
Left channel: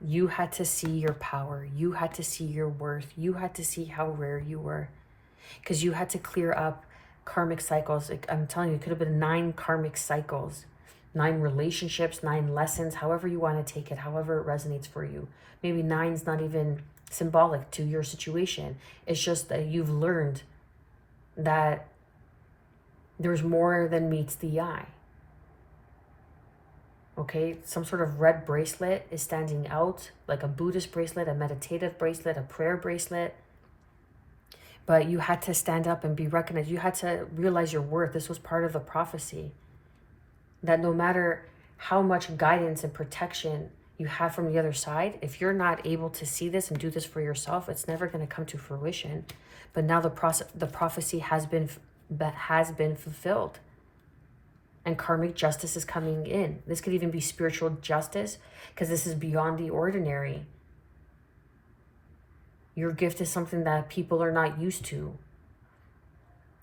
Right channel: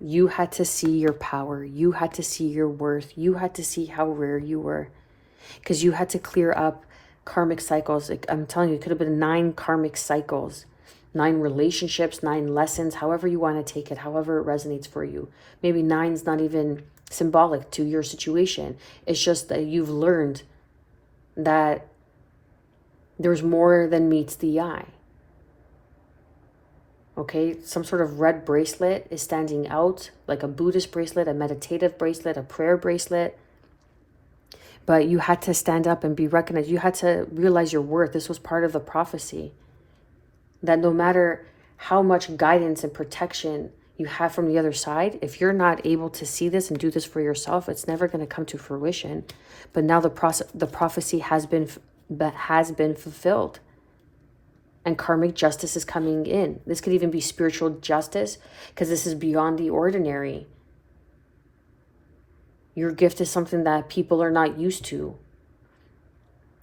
You had to see your power. You had to see your worth. You had to see how rare you were. Because you had to clear up karmic cycles. Like, I'm telling you, it could have been 9 karmic cycles. 9 relationships, 9 lessons, however you want to take it, however it resonates for you. Maybe 9's not even symbolic to your situation. It's just that you've learned that there's more than meets the eye. Okay, some sort of red bracelet is standing out, like a Buddhist bracelet, a meditative bracelet, a prayer bracelet. But you had to stand up and be recognized. You had to realize your worth. This was part of the prophecy. That no matter how much guidance and protection you have from the other side, if you're not able to see this and do this for yourself, it's never going to come to fruition. But now the prophecy has been fulfilled. And karmic justice is coming in. This could even be spiritual justice, because this is beyond the ordinary. Your gift is something that people are not used to.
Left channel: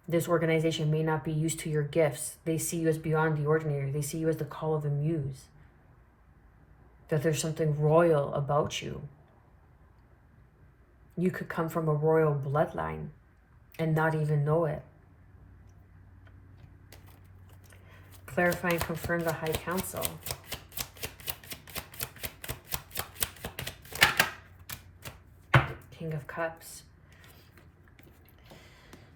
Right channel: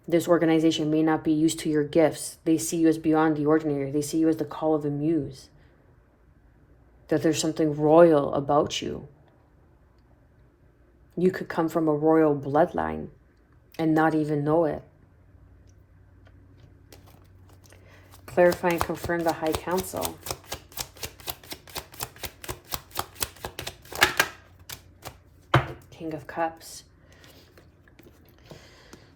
This organization may not be used to your gifts. They see you as beyond the ordinary. They see you as the call of the muse. That there's something royal about you. You could come from a royal bloodline and not even know it. Clarify and confirm the High Council. King of Cups.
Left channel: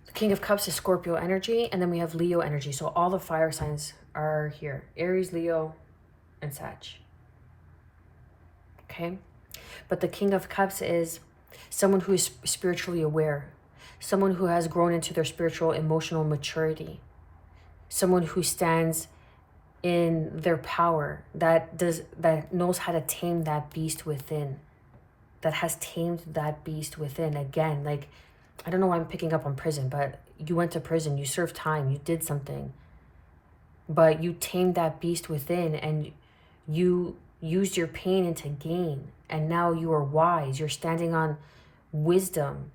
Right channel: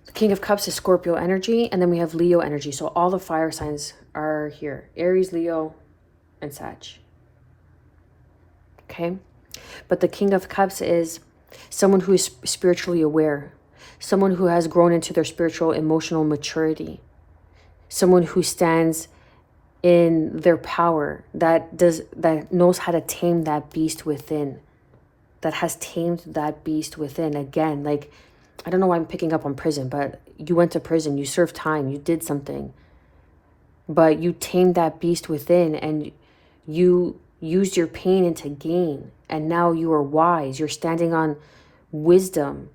The King of Cups is Scorpio energy, and then we have Leo energy. So all the fire signs are here. Aries, Leo, and Sag. Okay? But the King of Cups is someone who is spiritually aware, someone who has grown into their spiritual, emotional maturity, someone who stands in their power, that knows how to tame that beast within, that has tamed that beast within. Again, like, I don't know why I'm picking up on prison, but you went to prison, you served time, you did something, but you tamed that beast within, and you used your pain into gain, and now you are wise. You're standing on wisdom.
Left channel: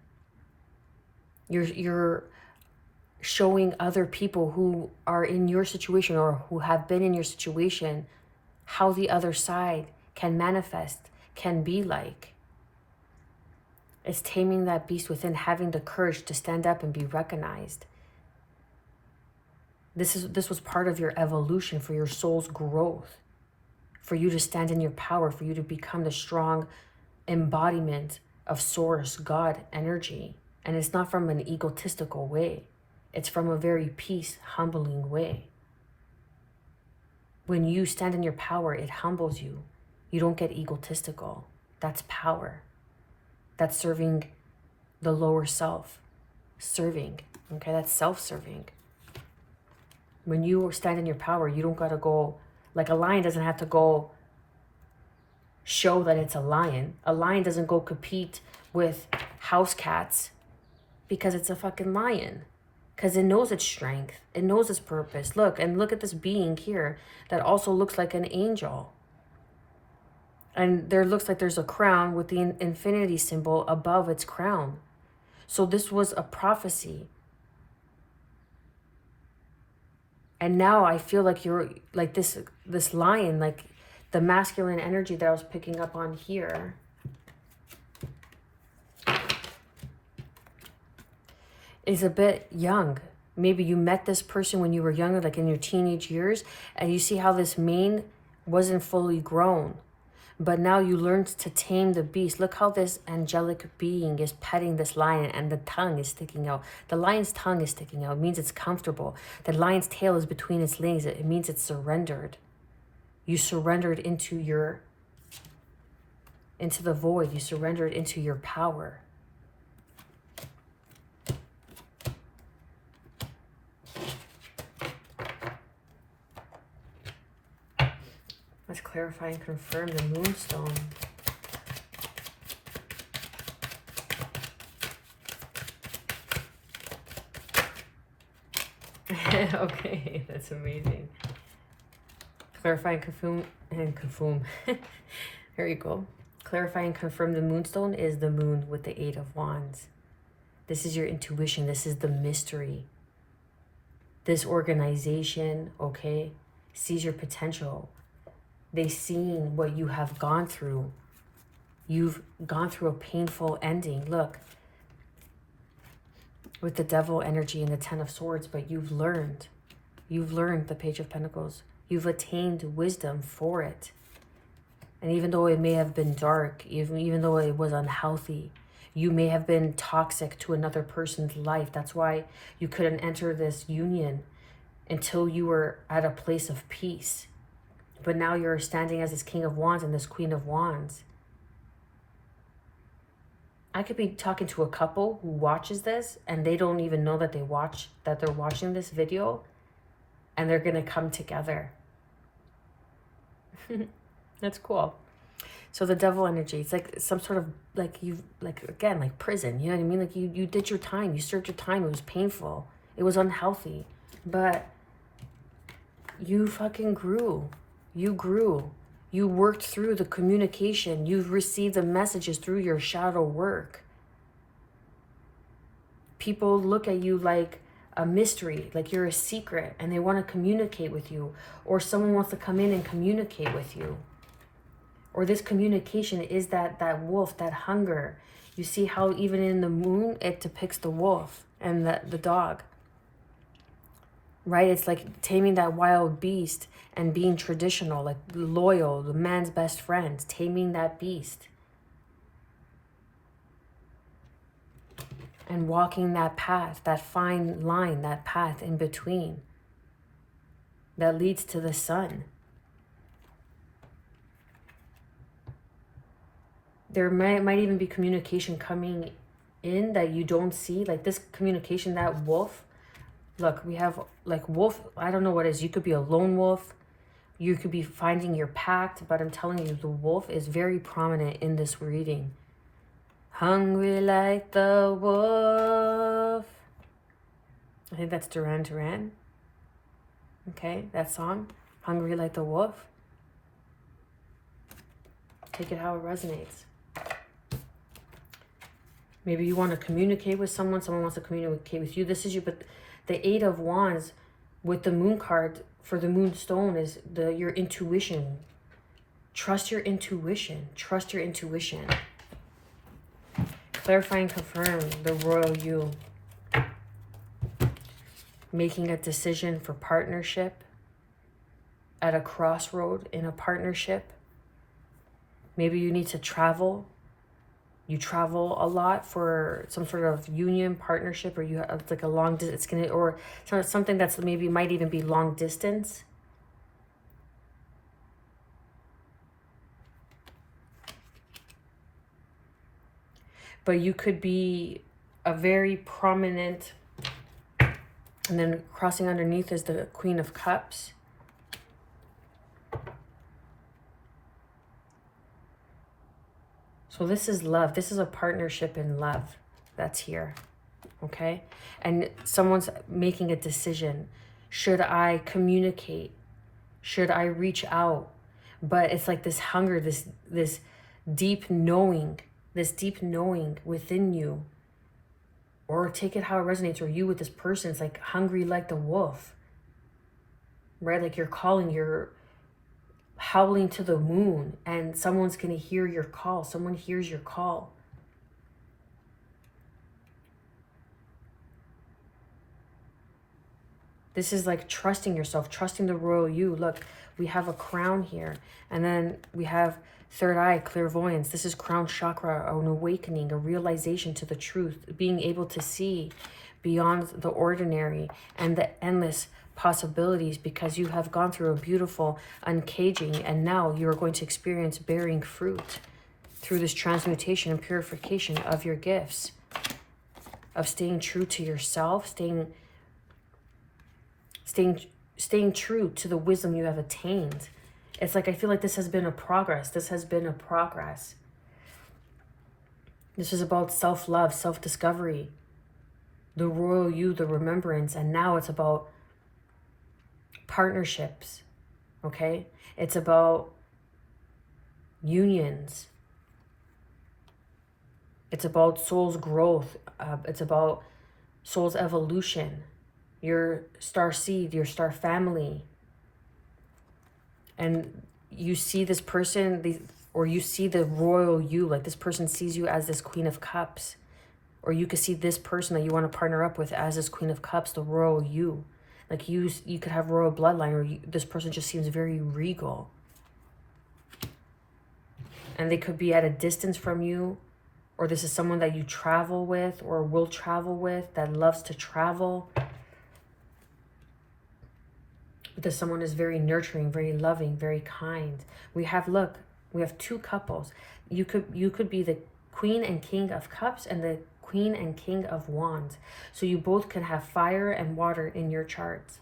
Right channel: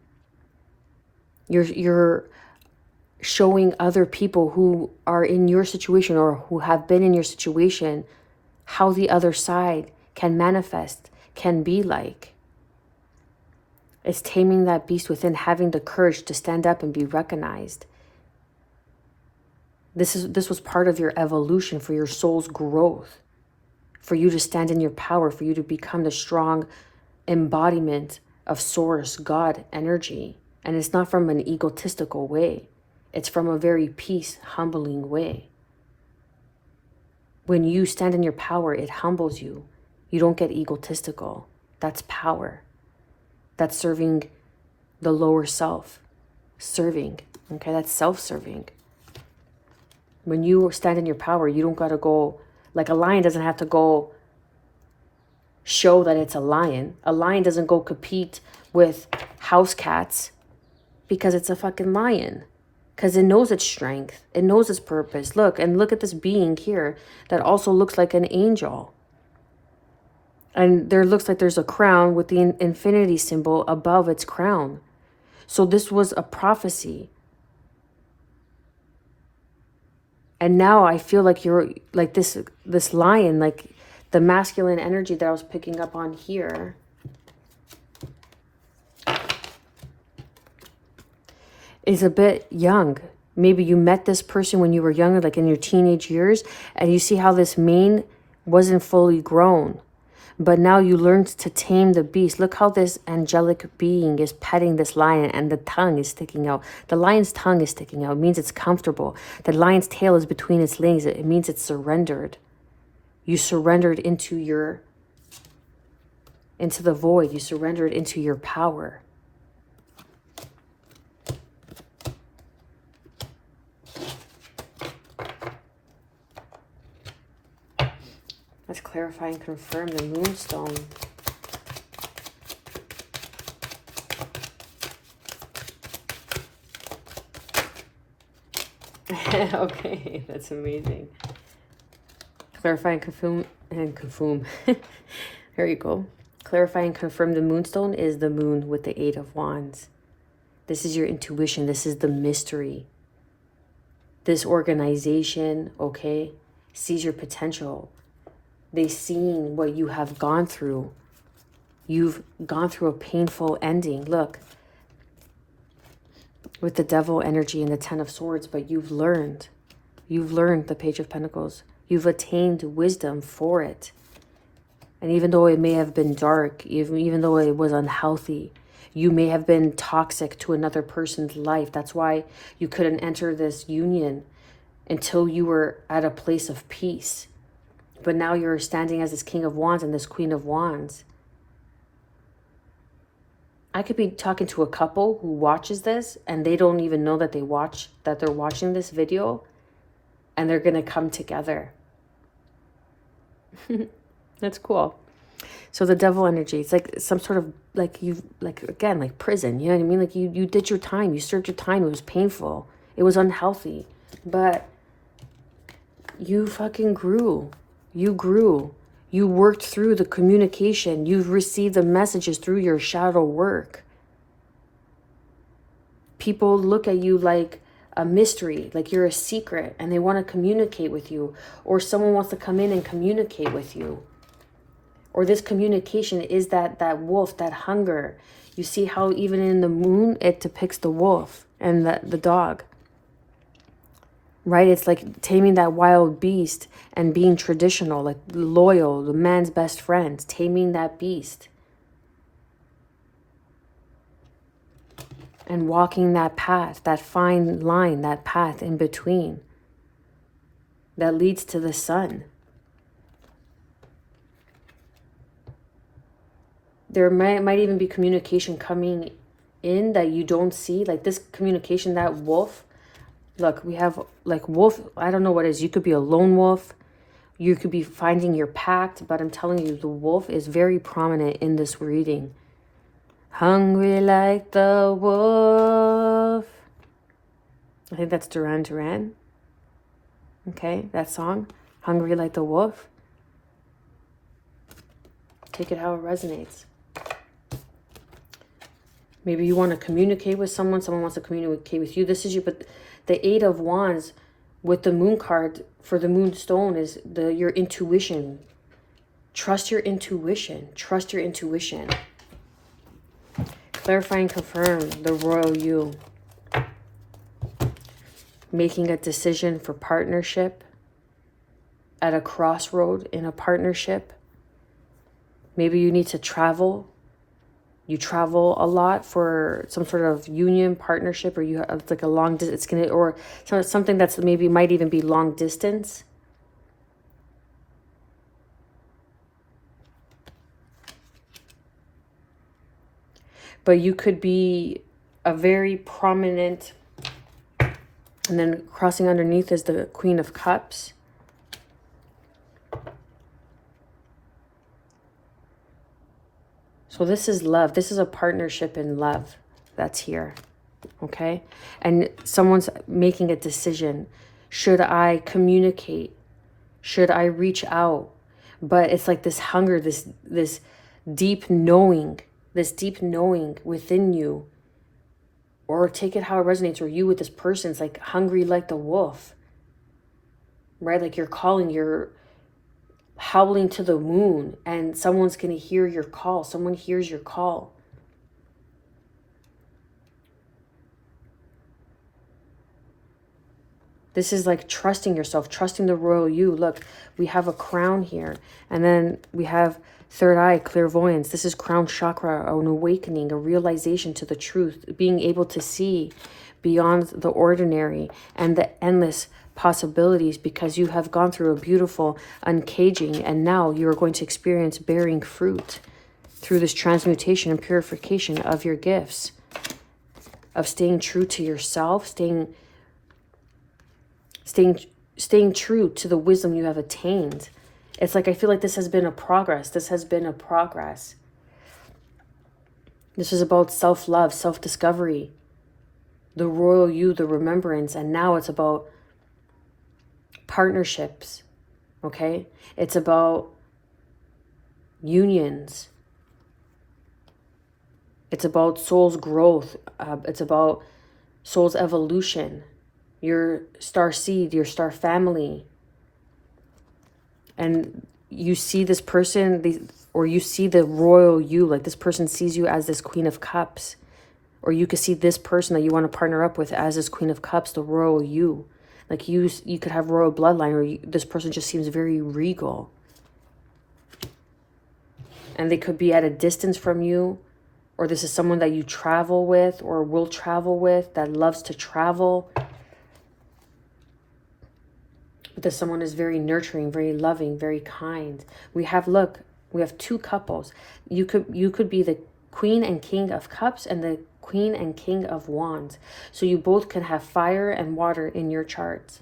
You're showing other people who are in your situation or who have been in your situation how the other side can manifest, can be like. It's taming that beast within, having the courage to stand up and be recognized. This was part of your evolution, for your soul's growth, for you to stand in your power, for you to become the strong embodiment of Source, God energy. And it's not from an egotistical way. It's from a very peace, humbling way. When you stand in your power, it humbles you. You don't get egotistical. That's power. That's serving the lower self. Serving. Okay, that's self-serving. When you stand in your power, you don't gotta go, like a lion doesn't have to go show that it's a lion. A lion doesn't go compete with house cats because it's a fucking lion. Because it knows its strength. It knows its purpose. Look at this being here that also looks like an angel. And there looks like there's a crown with the infinity symbol above its crown. So this was a prophecy. And now I feel like you're like this lion, like the masculine energy that I was picking up on here. Is a bit young. Maybe you met this person when you were younger, like in your teenage years, and you see how this mane wasn't fully grown. But now you learned to tame the beast. Look how this angelic being is petting this lion, and the tongue is sticking out. The lion's tongue is sticking out. It means it's comfortable. The lion's tail is between its legs. It means it's surrendered. You surrendered into the void. You surrendered into your power. Let's clarify and confirm the moonstone. Okay, that's amazing. Clarify and confirm. There you go. Clarify and confirm the moonstone is the moon with the 8 of Wands. This is your intuition. This is the mystery. This organization, okay, sees your potential. They've seen what you have gone through. You've gone through a painful ending. Look, with the devil energy and the 10 of Swords, but you've learned the Page of Pentacles. You've attained wisdom for it. And even though it may have been dark, even though it was unhealthy, you may have been toxic to another person's life. That's why you couldn't enter this union until you were at a place of peace. But now you're standing as this King of Wands and this Queen of Wands. I could be talking to a couple who watches this and they don't even know that they're watching this video, and they're going to come together. That's cool. So the devil energy, it's like some sort of like again, like prison, you know what I mean? Like you did your time, you served your time. It was painful. It was unhealthy, but you fucking grew. You grew. You worked through the communication. You've received the messages through your shadow work. People look at you like a mystery, like you're a secret, and they want to communicate with you, or someone wants to come in and communicate with you. Or this communication is that wolf, that hunger. You see how even in the moon, it depicts the wolf and the dog, right? It's like taming that wild beast and being traditional, like loyal, the man's best friend, taming that beast. And walking that path, that fine line, that path in between that leads to the sun. There might even be communication coming in that you don't see. Like this communication, that wolf. Look, we have like wolf. I don't know what it is. You could be a lone wolf. You could be finding your pact. But I'm telling you, the wolf is very prominent in this reading. Hungry like the wolf. I think that's Duran Duran. Okay, that song. Hungry like the wolf. Take it how it resonates. Maybe you want to communicate with someone. Someone wants to communicate with you. This is you. But the Eight of Wands with the moon card for the moonstone is your intuition. Trust your intuition. Trust your intuition. Clarify and confirm the royal you. Making a decision for partnership. At a crossroad in a partnership. Maybe you need to travel. You travel a lot for some sort of union partnership, or it's like a long distance. It's gonna, or something that's maybe might even be long distance. But you could be a very prominent, and then crossing underneath is the Queen of Cups. So this is love. This is a partnership in love that's here, okay? And someone's making a decision. Should I communicate? Should I reach out? But it's like this hunger, this deep knowing within you. Or take it how it resonates, or you with this person. It's like hungry like the wolf, right? Like you're calling, you're howling to the moon, and someone's going to hear your call. Someone hears your call. This is like trusting yourself, trusting the royal you. Look, we have a crown here, and then we have third eye, clairvoyance. This is crown chakra, an awakening, a realization to the truth, being able to see beyond the ordinary and the endless possibilities, because you have gone through a beautiful uncaging, and now you're going to experience bearing fruit through this transmutation and purification of your gifts, of staying true to yourself, staying true to the wisdom you have attained. It's like, I feel like this has been a progress. This has been a progress. This is about self-love, self-discovery, the royal you, the remembrance, and now it's about partnerships, okay? It's about unions. It's about soul's growth. It's about soul's evolution, your star seed, your star family. And you see this person, or you see the royal you, like this person sees you as this Queen of Cups. Or you could see this person that you want to partner up with as this Queen of Cups, the royal you. Like you could have royal bloodline, or this person just seems very regal. And they could be at a distance from you, or this is someone that you travel with or will travel with, that loves to travel. But this someone is very nurturing, very loving, very kind. We have two couples. You could be the Queen and King of Cups and the Queen and King of Wands. So you both can have fire and water in your charts.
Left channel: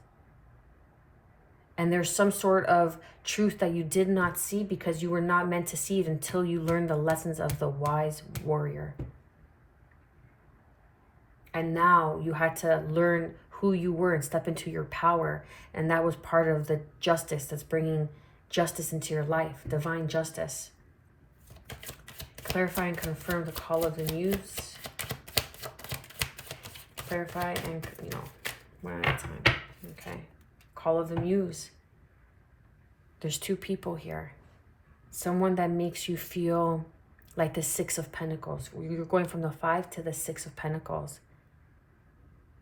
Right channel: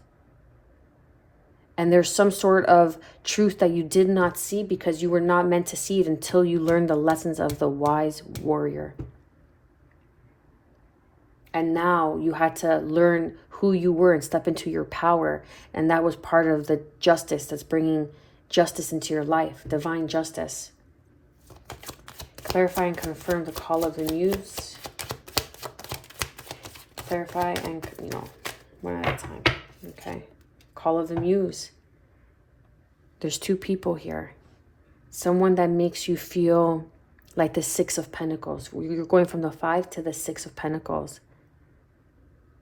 And there's some sort of truth that you did not see because you were not meant to see it until you learned the lessons of the wise warrior. And now you had to learn who you were and step into your power. And that was part of the justice that's bringing justice into your life, divine justice. Clarify and confirm the call of the muse. Clarify and, one at a time. Okay. Call of the muse. There's two people here. Someone that makes you feel like the Six of Pentacles. You're going from the 5 to the 6 of Pentacles,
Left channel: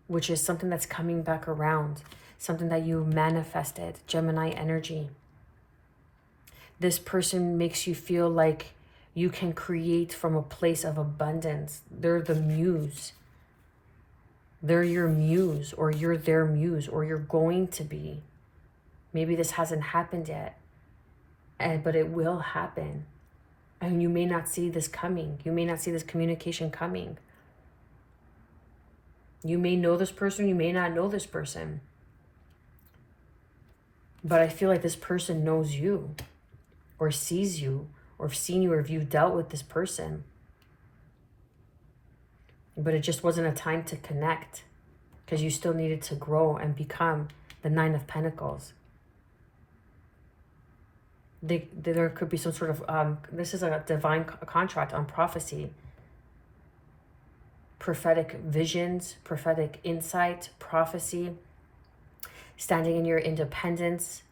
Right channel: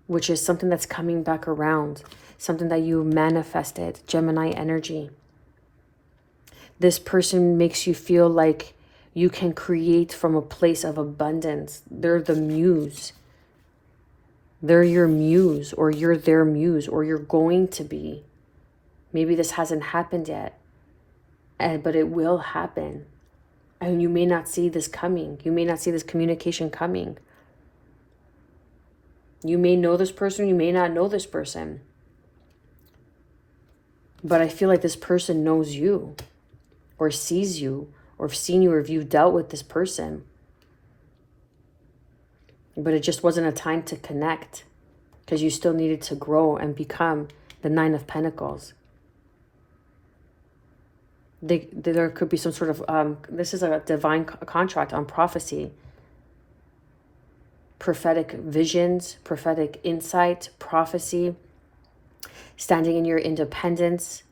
which is something that's coming back around, something that you manifested, Gemini energy. This person makes you feel like you can create from a place of abundance. They're the muse. They're your muse, or you're their muse, or you're going to be. Maybe this hasn't happened yet, but it will happen. And you may not see this coming. You may not see this communication coming. You may know this person, you may not know this person. But I feel like this person knows you, or sees you, or have seen you, or if you've dealt with this person. But it just wasn't a time to connect, because you still needed to grow and become the 9 of Pentacles. There could be some sort of, this is a divine contract on prophecy. Prophetic visions, prophetic insight, prophecy, standing in your independence.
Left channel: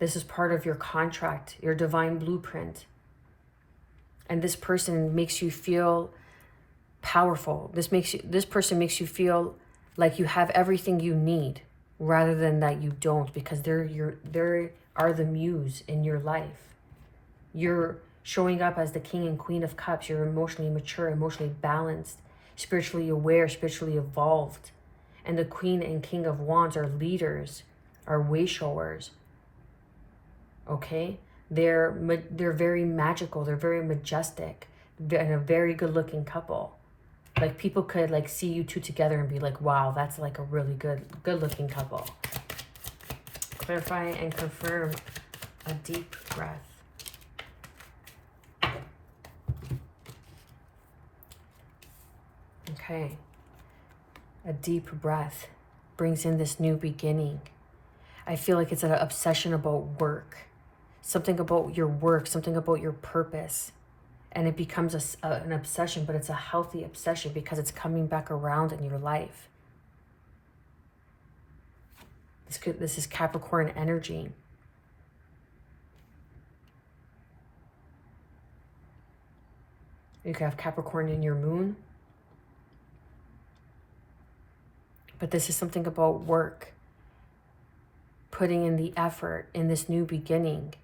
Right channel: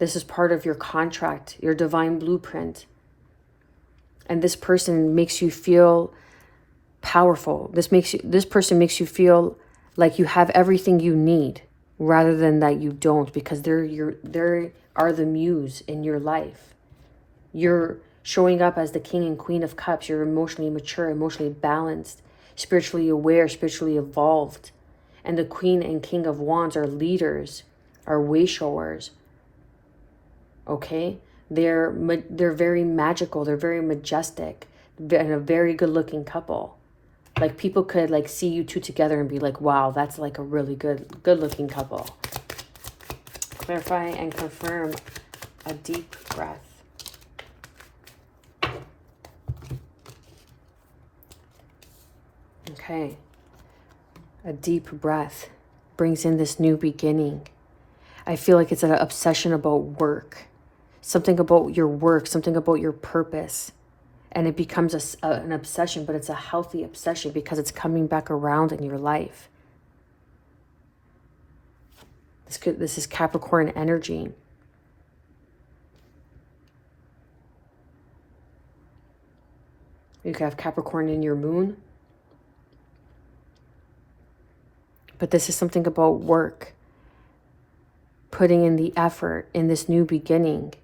This is part of your contract, your divine blueprint. And this person makes you feel powerful. This person makes you feel like you have everything you need, rather than that you don't, because they are the muse in your life. You're showing up as the King and Queen of Cups. You're emotionally mature, emotionally balanced, spiritually aware, spiritually evolved. And the Queen and King of Wands are leaders, are way showers. Okay? They're very magical. They're very majestic, and a very good looking couple. Like people could like see you two together and be like, wow, that's like a really good looking couple. Clarify and confirm. A deep breath. Okay. A deep breath brings in this new beginning. I feel like it's an obsession about work. Something about your work, something about your purpose. And it becomes an obsession, but it's a healthy obsession because it's coming back around in your life. This is Capricorn energy. You could have Capricorn in your moon. But this is something about work. Putting in the effort in this new beginning.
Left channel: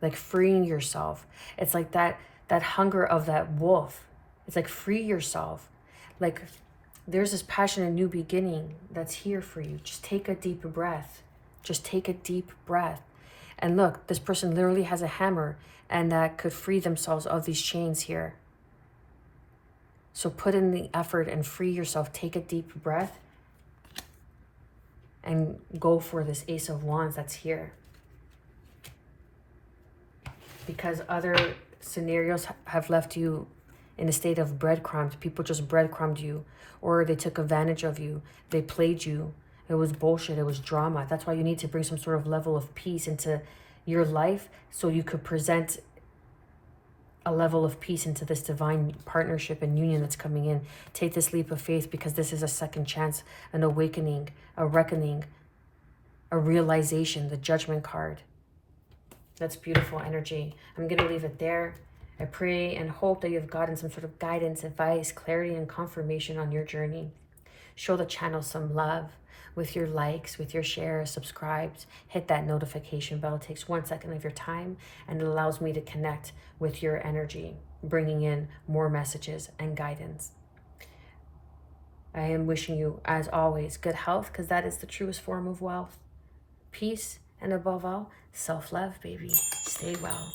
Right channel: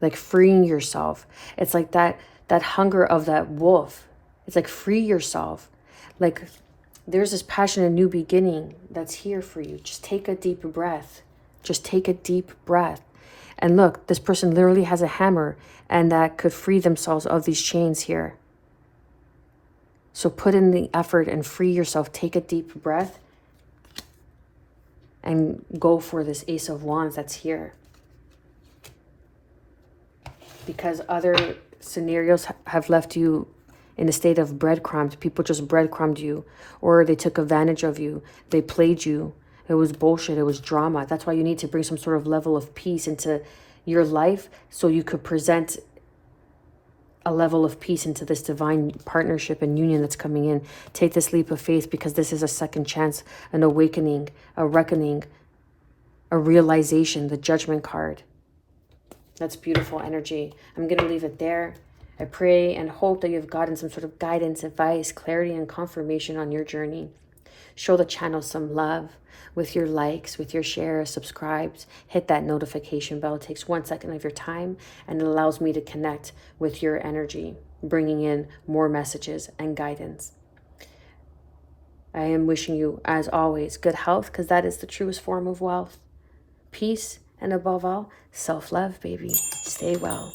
Like freeing yourself. It's like that hunger of that wolf. It's like free yourself. Like there's this passion and new beginning that's here for you. Just take a deep breath. Just take a deep breath. And look, this person literally has a hammer, and that could free themselves of these chains here. So put in the effort and free yourself. Take a deep breath and go for this Ace of Wands that's here. Because other scenarios have left you in a state of breadcrumbs. People just breadcrumbed you, or they took advantage of you. They played you. It was bullshit. It was drama. That's why you need to bring some sort of level of peace into your life, so you could present a level of peace into this divine partnership and union that's coming in. Take this leap of faith, because this is a second chance, an awakening, a reckoning, a realization, the Judgment card. That's beautiful energy. I'm going to leave it there. I pray and hope that you've gotten some sort of guidance, advice, clarity, and confirmation on your journey. Show the channel some love with your likes, with your shares, subscribes. Hit that notification bell. It takes 1 second of your time, and it allows me to connect with your energy, bringing in more messages and guidance. I am wishing you, as always, good health, because that is the truest form of wealth. Peace, and above all, self-love, baby. Stay well.